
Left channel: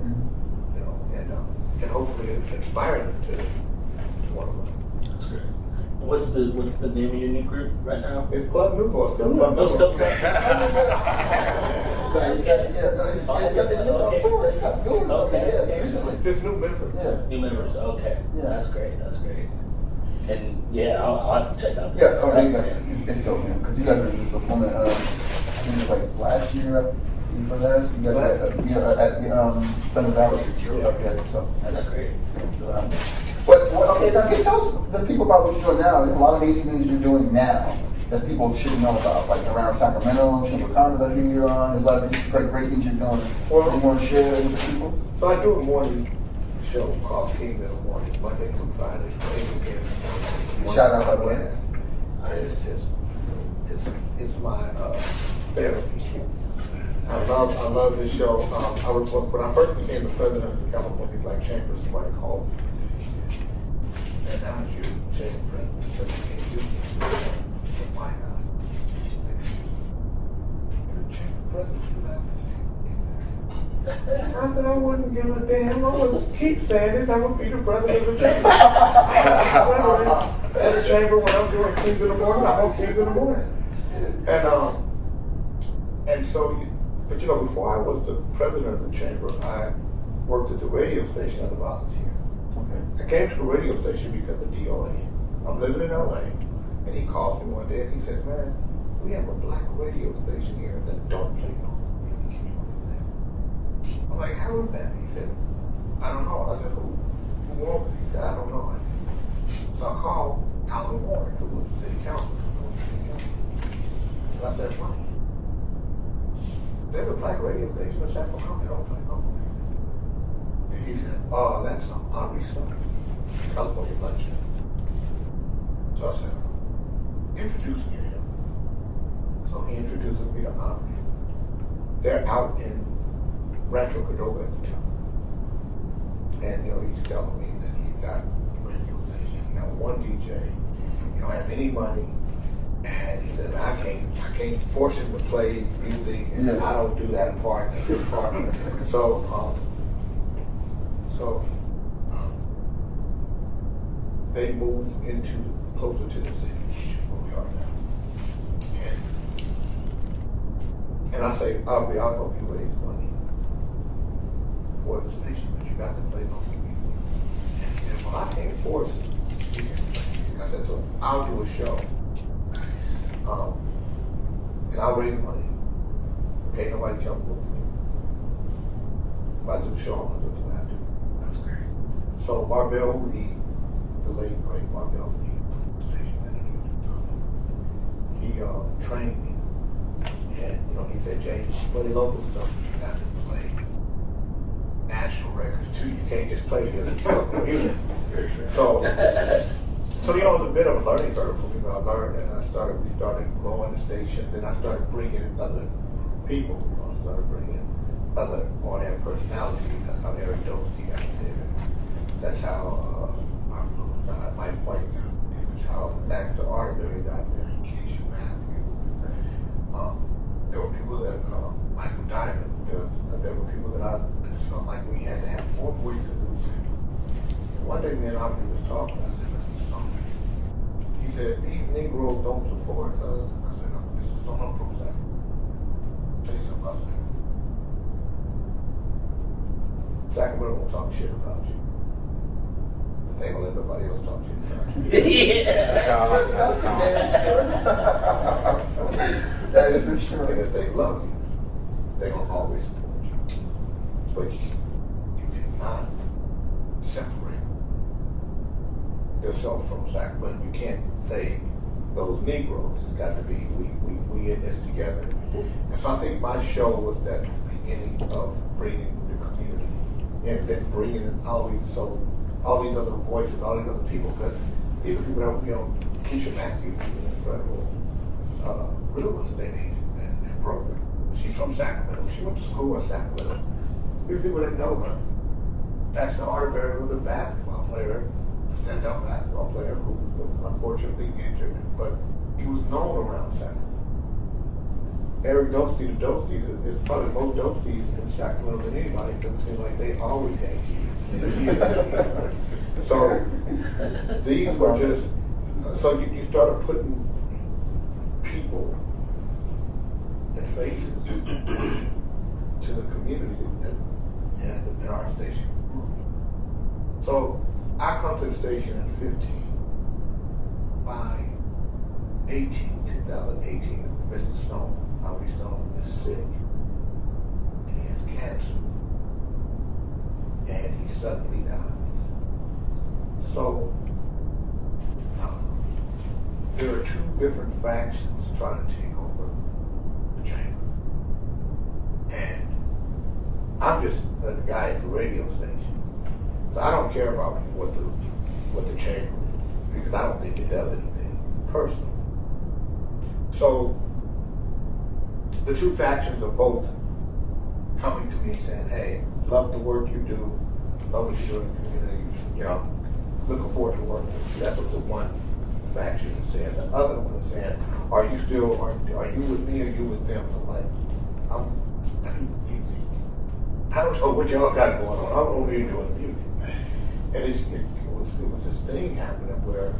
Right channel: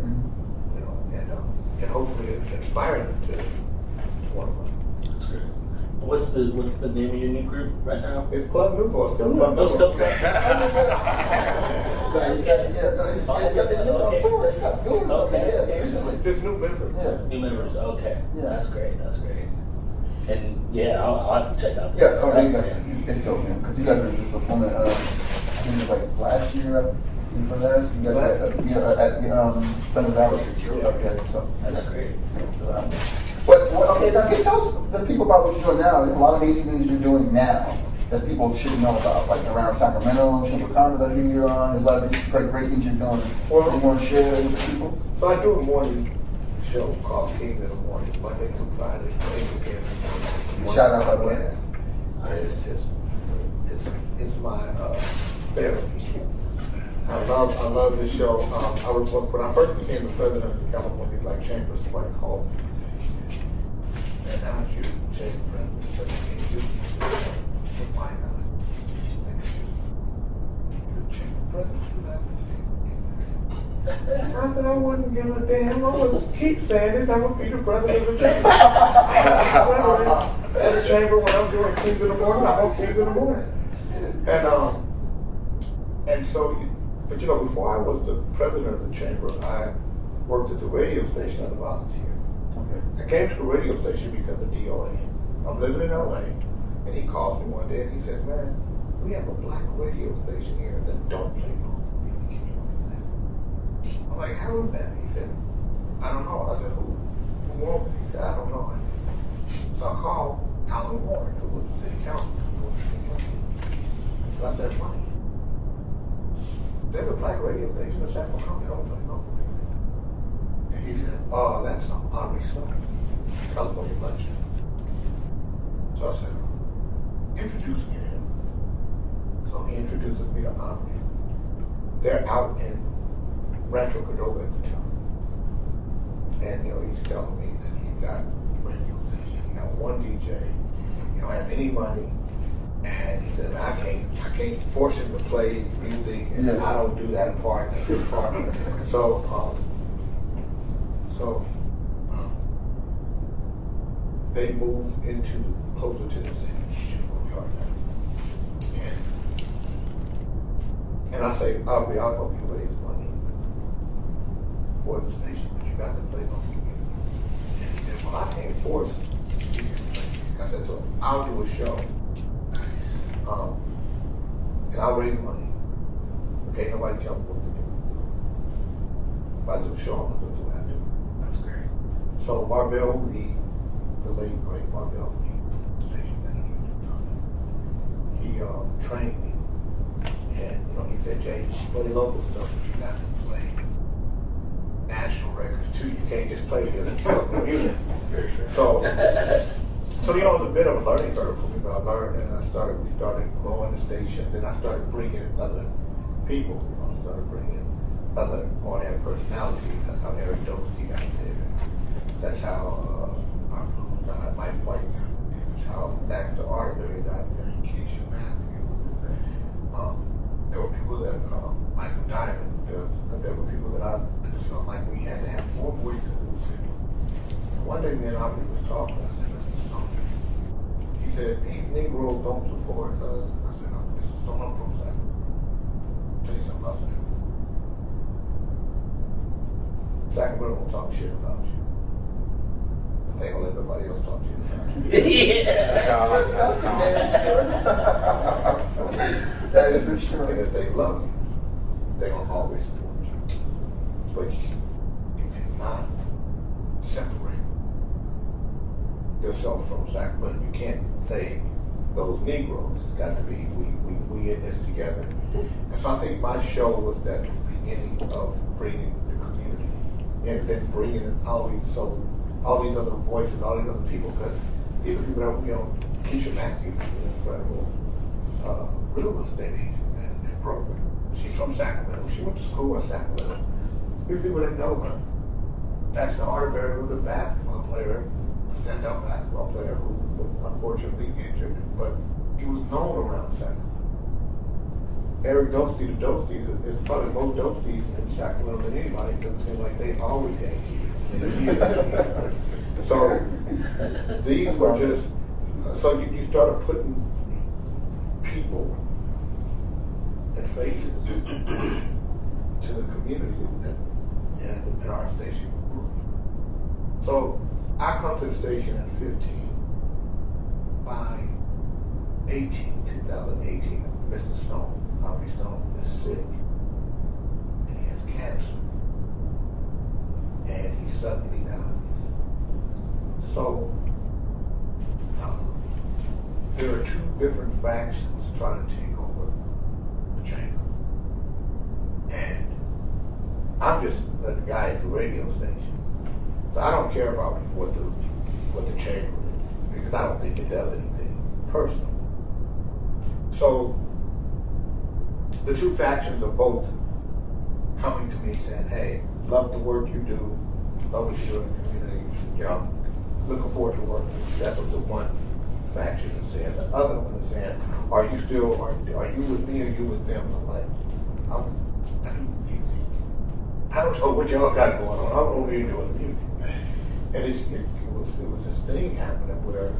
and hopefully it inspire them to want to write. That's great. What's the name of your new group right now? It's Club Nouveau. Still Club Nouveau. Still Just new members. Yeah. New members. Okay. Yeah. That's great. And yeah, I'll have to check out. Yeah. Oh, it's dope, man. Because you guys were just performing. I think it was like last year. For that, you guys at Thunder Valley. Okay, so that's great. So, okay, now tell us the people about what you're doing now. There's a lot of amazing things you're doing now that people should know about, like around Sacramento, Chamber of Commerce that I hear you're on. There's a lot of great things you're doing. Well, you want to share with people? So I do a morning show called Kings in the Morning, Monday through Friday. Shout out, by the way. It's my therapy. I love this show. When I first became the president of the California Black Chamber, somebody called me. And now you change the president, so you can't do it. Why not? You're the chamber president, you have to say. I said, I wouldn't give a damn. I would keep saying it. I would be the president of the chamber. At the chamber, when I'm doing Kings in the Morning, I hope Kings in the Morning. And so, but before I was the president of the chamber, I worked at the radio station as a volunteer. Okay. I came to the radio station because of DOA. I'm living in LA, and he calls me one day and he says, man, we have a black radio station here that don't play no music. Can you do that? I'm like, how is that? He said, I don't know. I said, who wants it? He said, I don't know. So I called Alan Warren, who was the city council. So I said, why? There's a black radio station in Sacramento. They don't play no music. And he said, oh, that's an Ari song. California Black Chamber. So I said, introduce me to him. So he introduces me to Ari. They're out in Rancho Cordova at the time. And, he's telling me that he got a radio station, he got one DJ, he don't have any money, and he said, I can't force him to play music, and I don't do that part, that's his part. So they moved closer to the city, which is where we are now. And I say, I'll help you raise money for the station, but you got to play local music. And he said, well, I can't force you to play music. I said, so I'll do a show. Nice. And I'll raise money. Okay, nobody tell me what to do. If I do a show, I'm going to do what I do. That's great. So Marvell Reed, the late great Marvell Reed, station manager, he trained me. And, he said, Jay, you play local stuff, you got to play national records too. You can't just play this music. So, it was a bit of a learning curve for me, but I learned, and we started growing the station. Then I started bringing in other people. I started bringing in other on-air personalities. That's how Eric Dorsey got there. That's how Mike White got there. That's how Dr. Arterberry got there. Keisha Matthews. There were people that, Michael Diamond, there were people that I just felt like we had to have more voices in the city. And one day me and Aubrey was talking, I said, Mr. Stone, he said, these Negroes don't support us. And I said, no, Mr. Stone, I'm from Sacramento. Tell you something about Sacramento. Sacramento won't talk shit about you. But they gonna let everybody else talk shit about you. That is for sure. And if they love you, they're going to always support you. But you cannot separate yourself from Sacramento. You can't say those Negroes. It's got to be we in this together. And so I think my show was that beginning of bringing the community and then bringing all these other voices, all these other people, because these are people that, Keisha Matthews is an incredible real estate agent and broker. She's from Sacramento. She went to school in Sacramento. These people didn't know her. Dr. Arterberry was a basketball player, stand-up basketball player who was unfortunately injured, but he was known around Sacramento. Eric Dorsey, the Dorseys, is probably more Dorseys in Sacramento than anybody because it seems like they always had kids. So these were just, so you started putting people and faces to the community and our station grew. So I come to the station at 15. By 2018, Mr. Stone, Howard Stone, is sick. And he has cancer. And he suddenly dies. So there are two different factions trying to take over the chamber. And I'm just a guy at the radio station. So I don't care about what the chamber is, because I don't think it does anything personal. So the two factions are both coming to me saying, hey, love the work you do, love what you do in the community, looking forward to working with you. That's what the one faction is saying. The other one is saying, are you with me or are you with them? I'm like, I don't know what y'all got going on. I don't know what you're doing music. And it was this thing happening where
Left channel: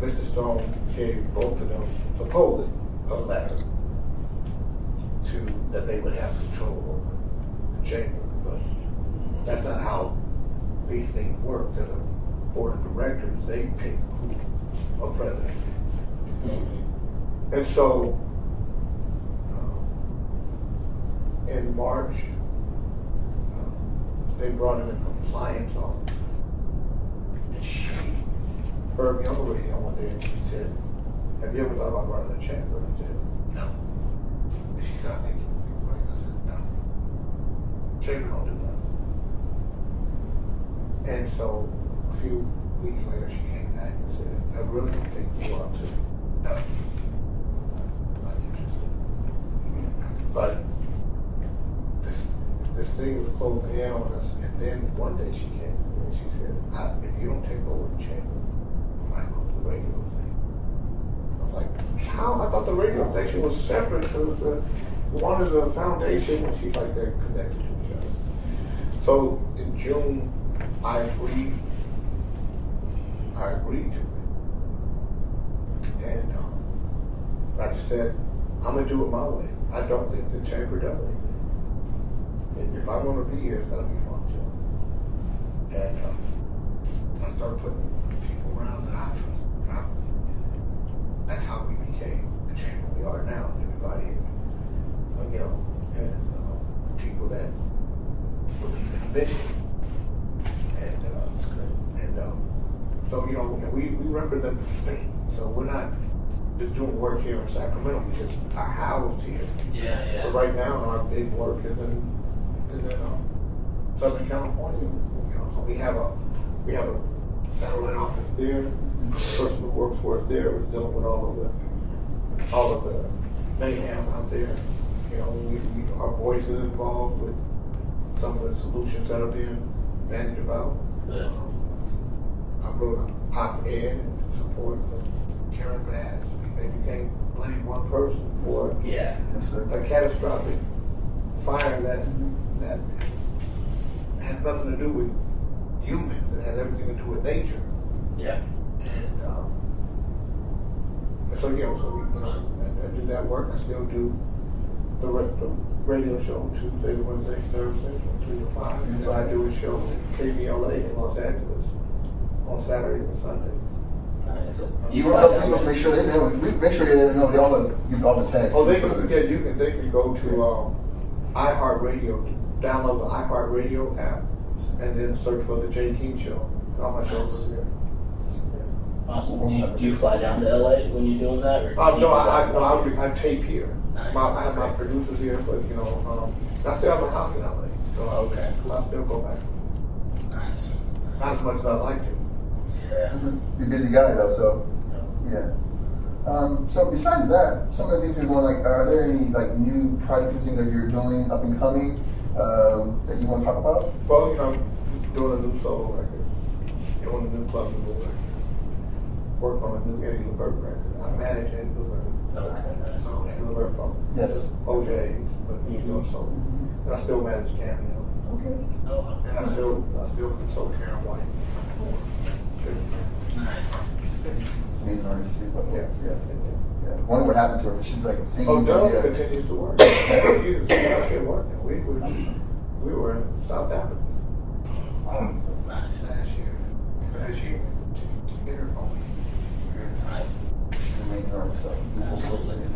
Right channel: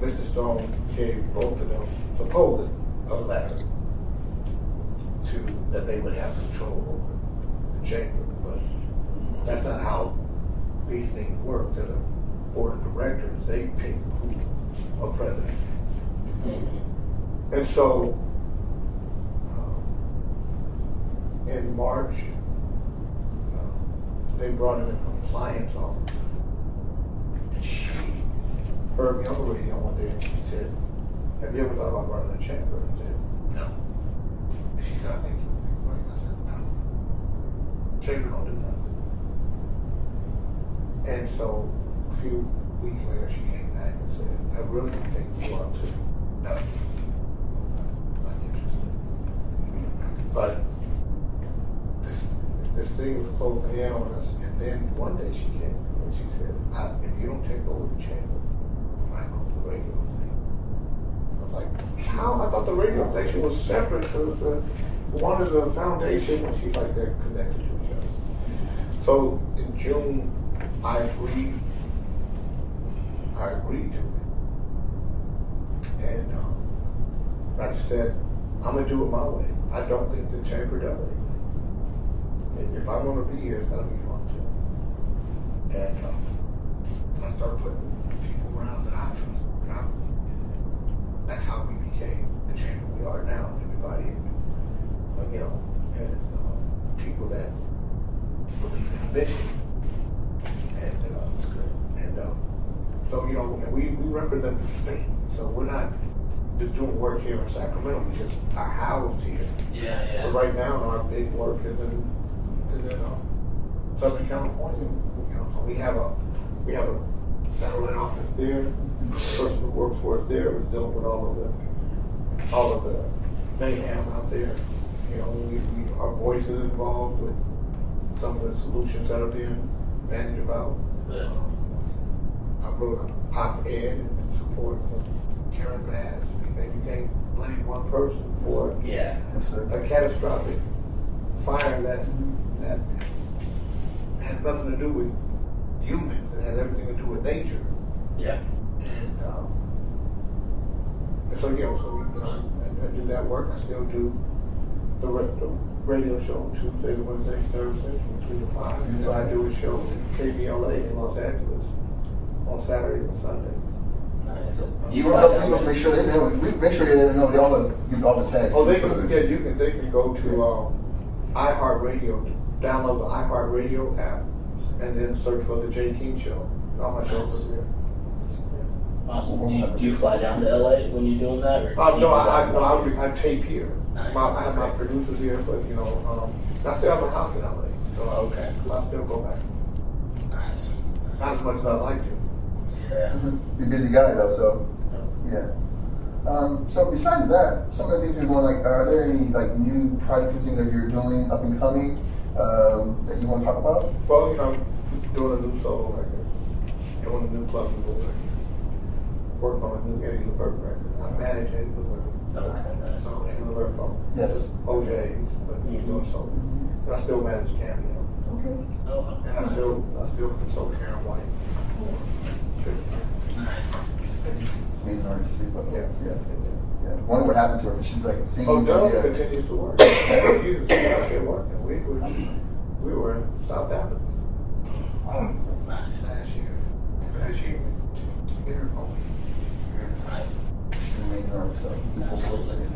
Mr. Stone gave both of them supposedly a letter that they would have control over the chamber. But that's not how these things work. The board of directors, they pick who a president is. Mm-hmm. And so in March, they brought in a compliance officer. And she heard me on the radio one day and she said, have you ever thought about running a chamber? And I said, no. And she said, I think you would be great. I said, no. Chamber don't do nothing. And so a few weeks later she came back and said, I really think you ought to. No. I'm not interested. But this thing was closing in on us, and then one day she came to me and she said, if you don't take over the chamber, we might go to the radio station. I was like, how? I thought the radio station was separate because one is a foundation, and she's like, they're connected to each other. So in June, I agreed to it. And I just said, I'm going to do it my way. I don't think the chamber does anything. If I'm going to be here, it's going to be functional. And I started putting people around that I trust. That's how we became the chamber we are now. Everybody, you know, has people that believe in the mission. And that's great. And so, you know, we represent the state. So we're not just doing work here in Sacramento. We just are housed here. Yeah. But right now, our big work is in Southern California. You know, so we have a satellite office there. The person who works for us there is dealing with all of the mayhem out there. You know, our voice is involved with some of the solutions that are being bandied about. Yeah. I wrote an op-ed in support of Karen Bass, and you can't blame one person for a catastrophic fire that has nothing to do with humans. It has everything to do with nature. Yeah. And so, you know, I do that work. I still do the radio show on Tuesday, Wednesday, Thursday from 3 to 5. And then I do a show at KBLA in Los Angeles on Saturdays and Sundays. Nice. You must make sure they know. We make sure they know all the tags. Oh, they can go to iHeartRadio, download the iHeartRadio app, and then search for the Jay King Show. All my shows are there. Awesome. Do you fly down to LA when you're doing that? Or No, I tape here. Nice. I have my producers here, but you know, I still have a house in LA, so Okay. So I still go back. Nice. Not as much as I'd like to. Yeah. You're a busy guy though, so yeah. So besides that, some of the things you're going like, are there any like new projects and things that you're doing up and coming that you want to talk about? Well, you know, doing a new solo record, doing a new Club Nouveau record, work on a new Eddie Levert record. I manage Eddie Levert. Okay, nice. So Eddie Levert from Yes. OJ's, but he's doing solo. And I still manage Cameo. Okay. Oh, And I still consult Karen White. nice. Amazing artist too, but Yeah. Wonder what happened to her. She's like singing. Oh, Doug continues to work. She's out there working. We were in South Africa Nice. last year to get her home. Nice. She's an amazing artist. So Absolutely.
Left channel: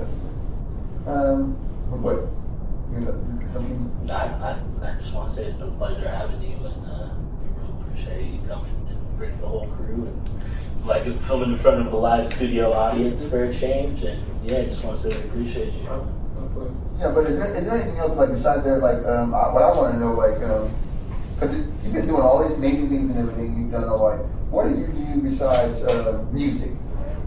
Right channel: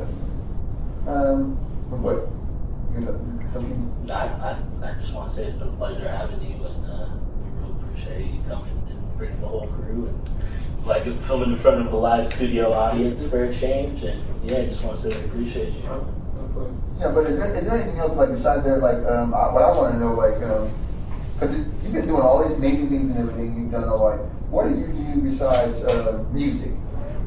what? You know, something. I just want to say it's been a pleasure having you, and we really appreciate you coming and bringing the whole crew and like filming in front of a live studio audience for a change. And yeah, I just want to say we appreciate you. Yeah, but is there anything else like besides there like what I want to know like because you've been doing all these amazing things and everything you've done all like what do you do besides music?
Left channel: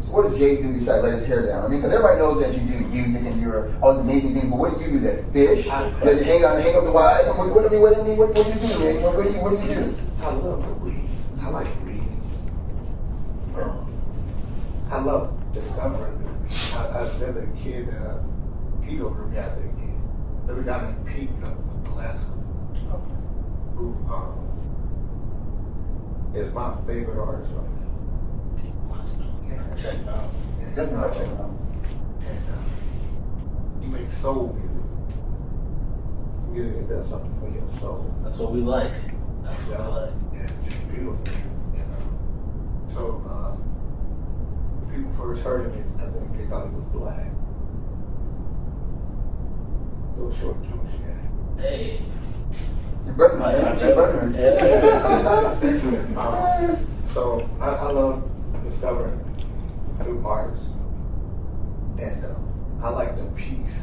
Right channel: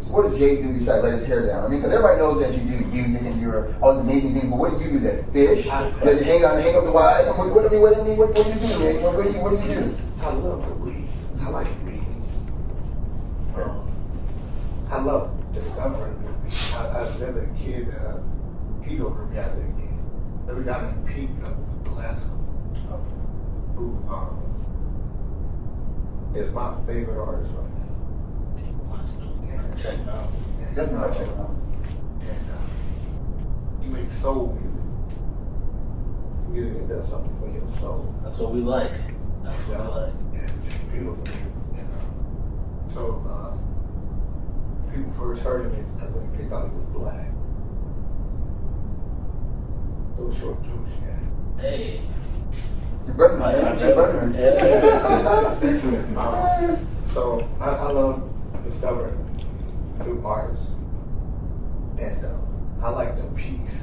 So what does Jay do besides let his hair down? I mean, because everybody knows that you do music and you're all these amazing things, but what do you do there? Fish? Does you hang up the wife? What do you do, man? What do you do? I love to read. I like reading. I love discovering movies. There's a kid he's over me as a kid. There's a guy named Pete up in Alaska who is my favorite artist right now. Check it out. Definitely check it out. And he makes soul music. Music that does something for your soul. That's what we like. That's what we like. Yeah, just beautiful music. And so people first heard of it, I think they thought he was black. Little short Jewish guy. Hey. Your brother, man. Your brother. So I love discovering new artists, and I like the peace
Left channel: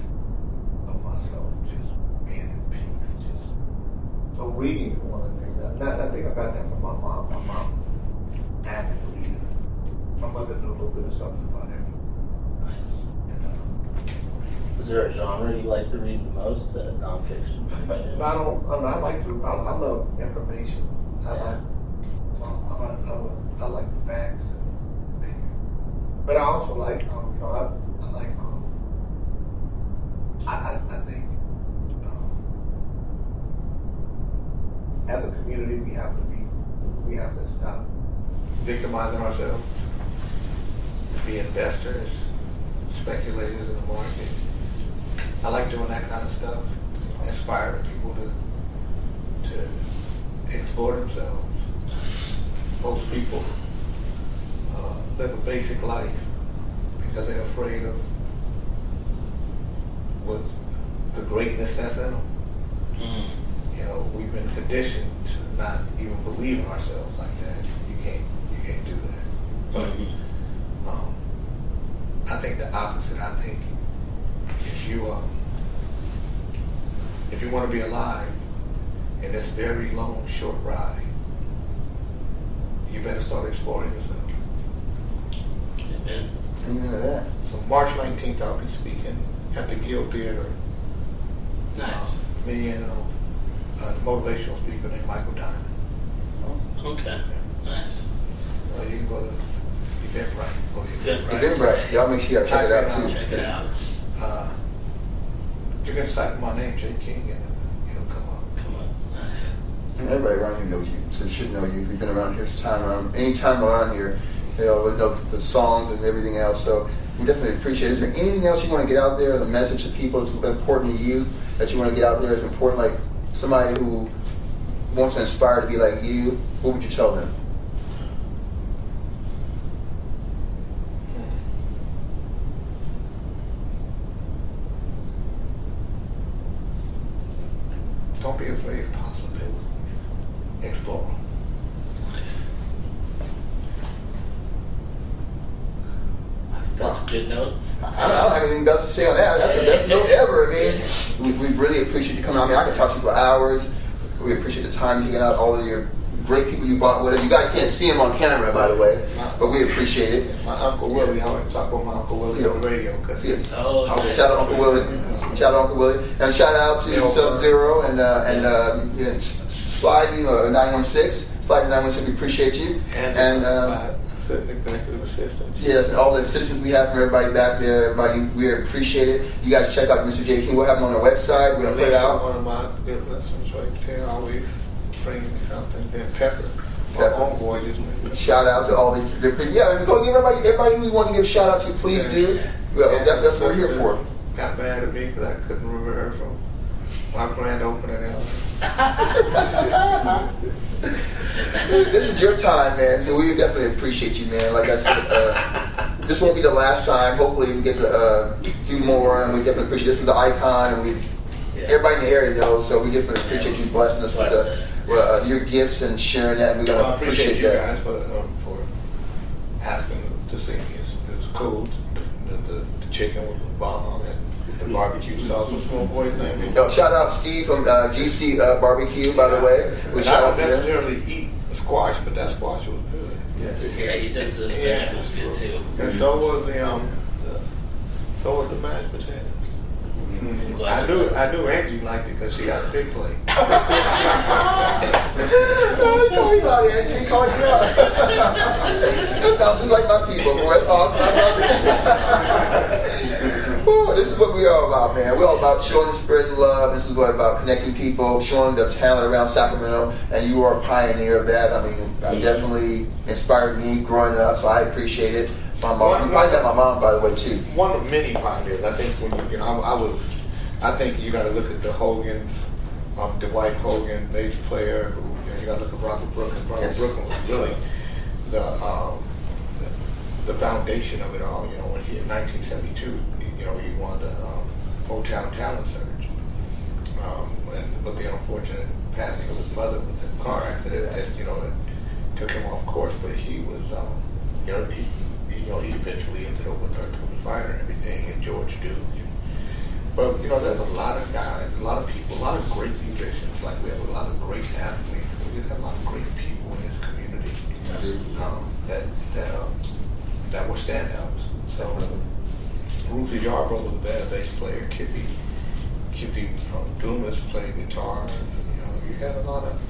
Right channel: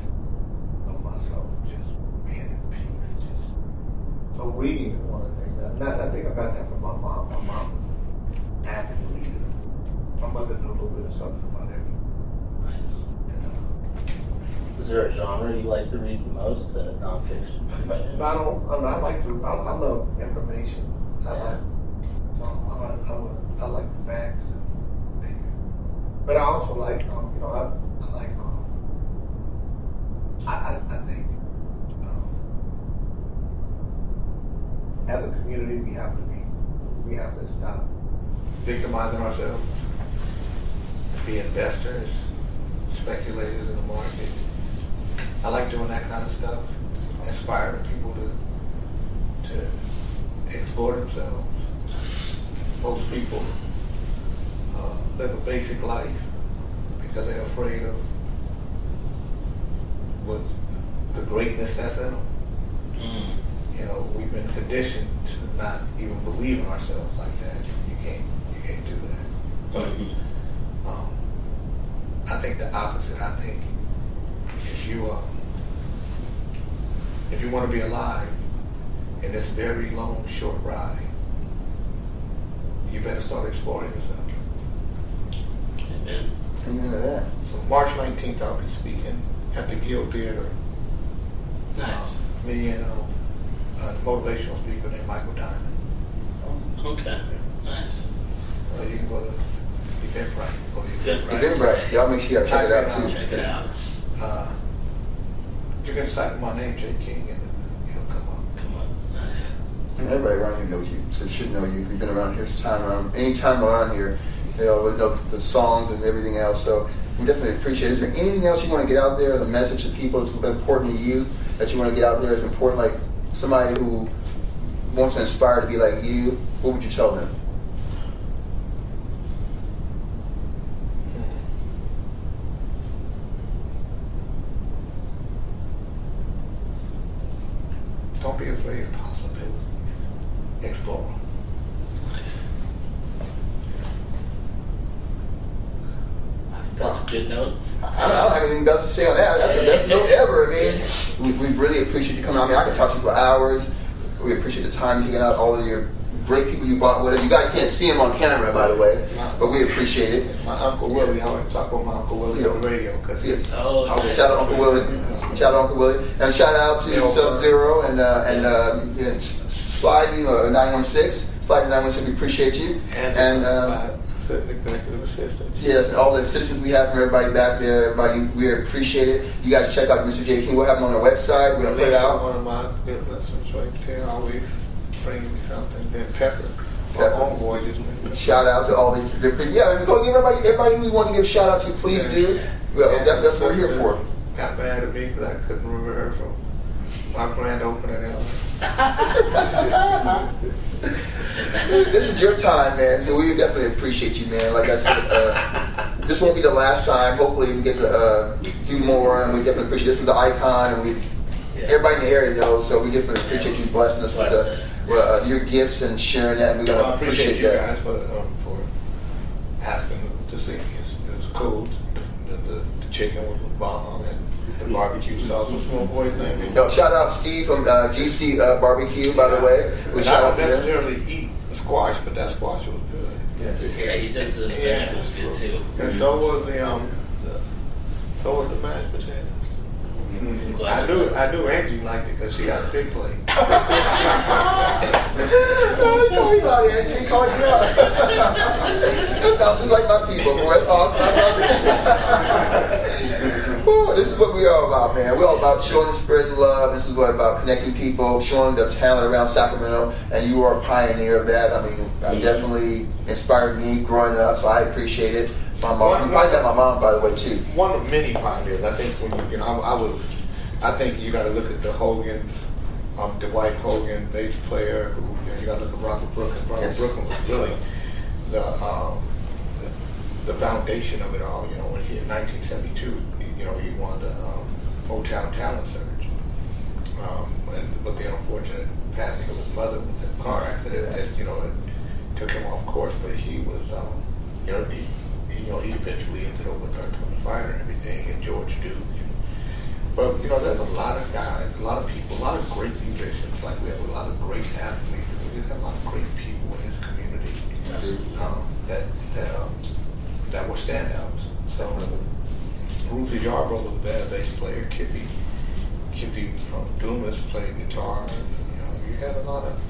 of my soul, just being in peace. Just so reading is one of the things. I think I got that from my mom. My mom was an avid reader. My mother knew a little bit of something about everything. Nice. And Is there a genre you like to read the most? Nonfiction, fiction? No, I like to. I love information. I like facts. But I also like, I think as a community we have to stop victimizing ourselves, be investors, speculators in the market. I like doing that kind of stuff, inspiring people to explore themselves. Most people live a basic life because they're afraid of what the greatness that's in them. You know, we've been conditioned to not even believe in ourselves like that. You can't do that. But I think the opposite. I think if you want to be alive in this very long, short ride, you better start exploring yourself. Amen. Amen to that. So March 19th, I'll be speaking at the Guild Theater. Nice. Me and a motivational speaker named Michael Diamond. Okay. Nice. You can go to Eventbrite. Eventbrite. Y'all make sure y'all check it out too. Check it out. You can type my name, J. King, and it'll come up. Come on. Nice. And everybody around here knows you, so should know you. If you've been around here any time around here, they all know the songs and everything else. So we definitely appreciate it. Is there anything else you want to get out there, the message to people that's important to you, that you want to get out there is important, like somebody who wants to inspire to be like you? What would you tell them? Don't be afraid of possibilities. Explore. Nice. I think that's a good note. I don't have anything else to say on that. That's the best note ever. I mean, we really appreciate you coming out. I mean, I could talk to you for hours. We appreciate the time you taking out, all of your great people you brought with us. You guys can't see him on camera, by the way, but we appreciate it. My Uncle Willie, I always talk about my Uncle Willie on the radio because Shout nice. out Uncle Willie. Shout out Uncle Willie. And shout out to Sub-Zero and Sliding 916. Sliding 916, we appreciate you. And executive assistants. Yes, and all the assistants we have from everybody back there. Everybody, we appreciate it. You guys check out Mr. J. King. We'll have him on our website. We're going to put it out. One of my good lessons right there, always bringing me something. Then Pepper. My homeboy just shout out to all these different. Yeah, I mean, go give everybody who we want to give shout out to, please do. Well, that's what we're here for. Got mad at me because I couldn't remember from my grand opening. This is your time, man. So we definitely appreciate you, man. Like I said, this won't be the last time. Hopefully, we get to do more, and we definitely appreciate. This is the icon, and everybody in the area knows. So we definitely appreciate you blessing us with your gifts and sharing that. And we're gonna appreciate you guys for asking to see me. It's cool. The chicken with the bomb and the barbecue sauce was my boy's name. Shout out Steve from GC Barbecue, by the way. I don't necessarily eat squash, but that squash was good. Yeah, he does the vegetables good too. And so was the mashed potatoes. I knew Angie liked it because she got a big plate. We got Angie calling you out. That sounds just like my people, boy. That's awesome. This is what we're all about, man. We're all about showing, spreading love. This is what about connecting people, showing the talent around Sacramento, and you are a pioneer of that. I mean, definitely inspired me growing up, so I appreciate it. My mom, you probably met my mom, by the way, too. One of many pioneers. I think when I think you got to look at the Hogan, Dwight Hogan, bass player. Who you got to look at Robert Brooklyn. Robert Brooklyn was really the foundation of it all. You know, when he in 1972, he won the Motown Talent Search, but the unfortunate passing of his mother with the car accident that that took him off course. But he was, he eventually ended up with Earth, Wind & Fire and everything, and George Duke. But there's a lot of guys, a lot of people, a lot of great musicians. Like we have a lot of great athletes. We just have a lot of great people in this community that were standouts. So Ruthie Yarbrough was a bad bass player. feature people from Dumas play guitar. You know, you had a lot of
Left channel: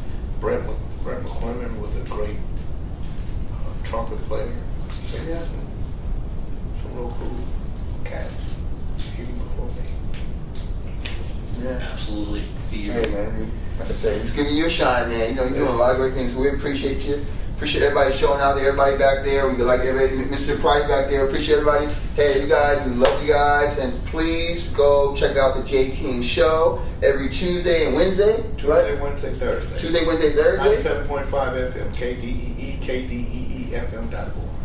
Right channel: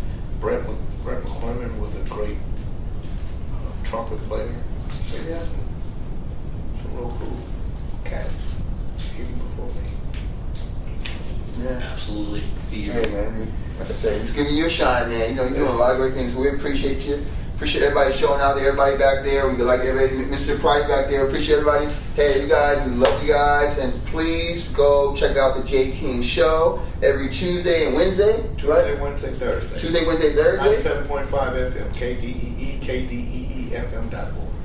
Brett McClellan was a great trumpet player. So you had some real cool cats even before me. Yeah. Absolutely. Hey man, like I said, just giving you a shine, man. You know, you're doing a lot of great things. So we appreciate you. Appreciate everybody showing out there, everybody back there. We like everybody, Mr. Price back there. Appreciate everybody. Hey, you guys, we love you guys, and please go check out the J King Show every Tuesday and Wednesday. Tuesday, Wednesday, Thursday. Tuesday, Wednesday, Thursday. 97.5 FM, KDEE.org.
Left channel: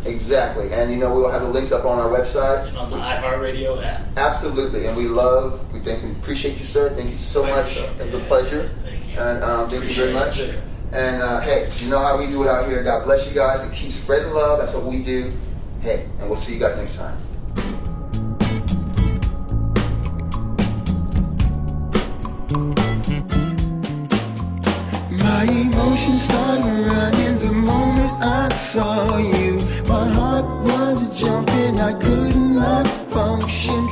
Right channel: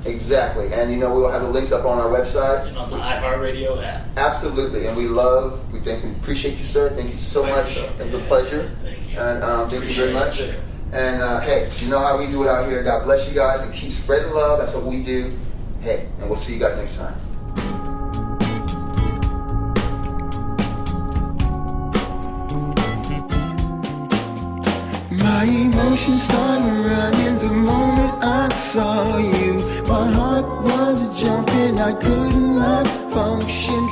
Exactly, and you know we will have the links up on our website And on the iHeartRadio app. Absolutely, and we appreciate you, sir. Thank you so much. It was a pleasure. Thank you. And thank you very much. And hey, you know how we do it out here. God bless you guys and keep spreading love. That's what we do. Hey, and we'll see you guys next time. My emotions started running the moment I saw you. My heart was jumping, I could not function.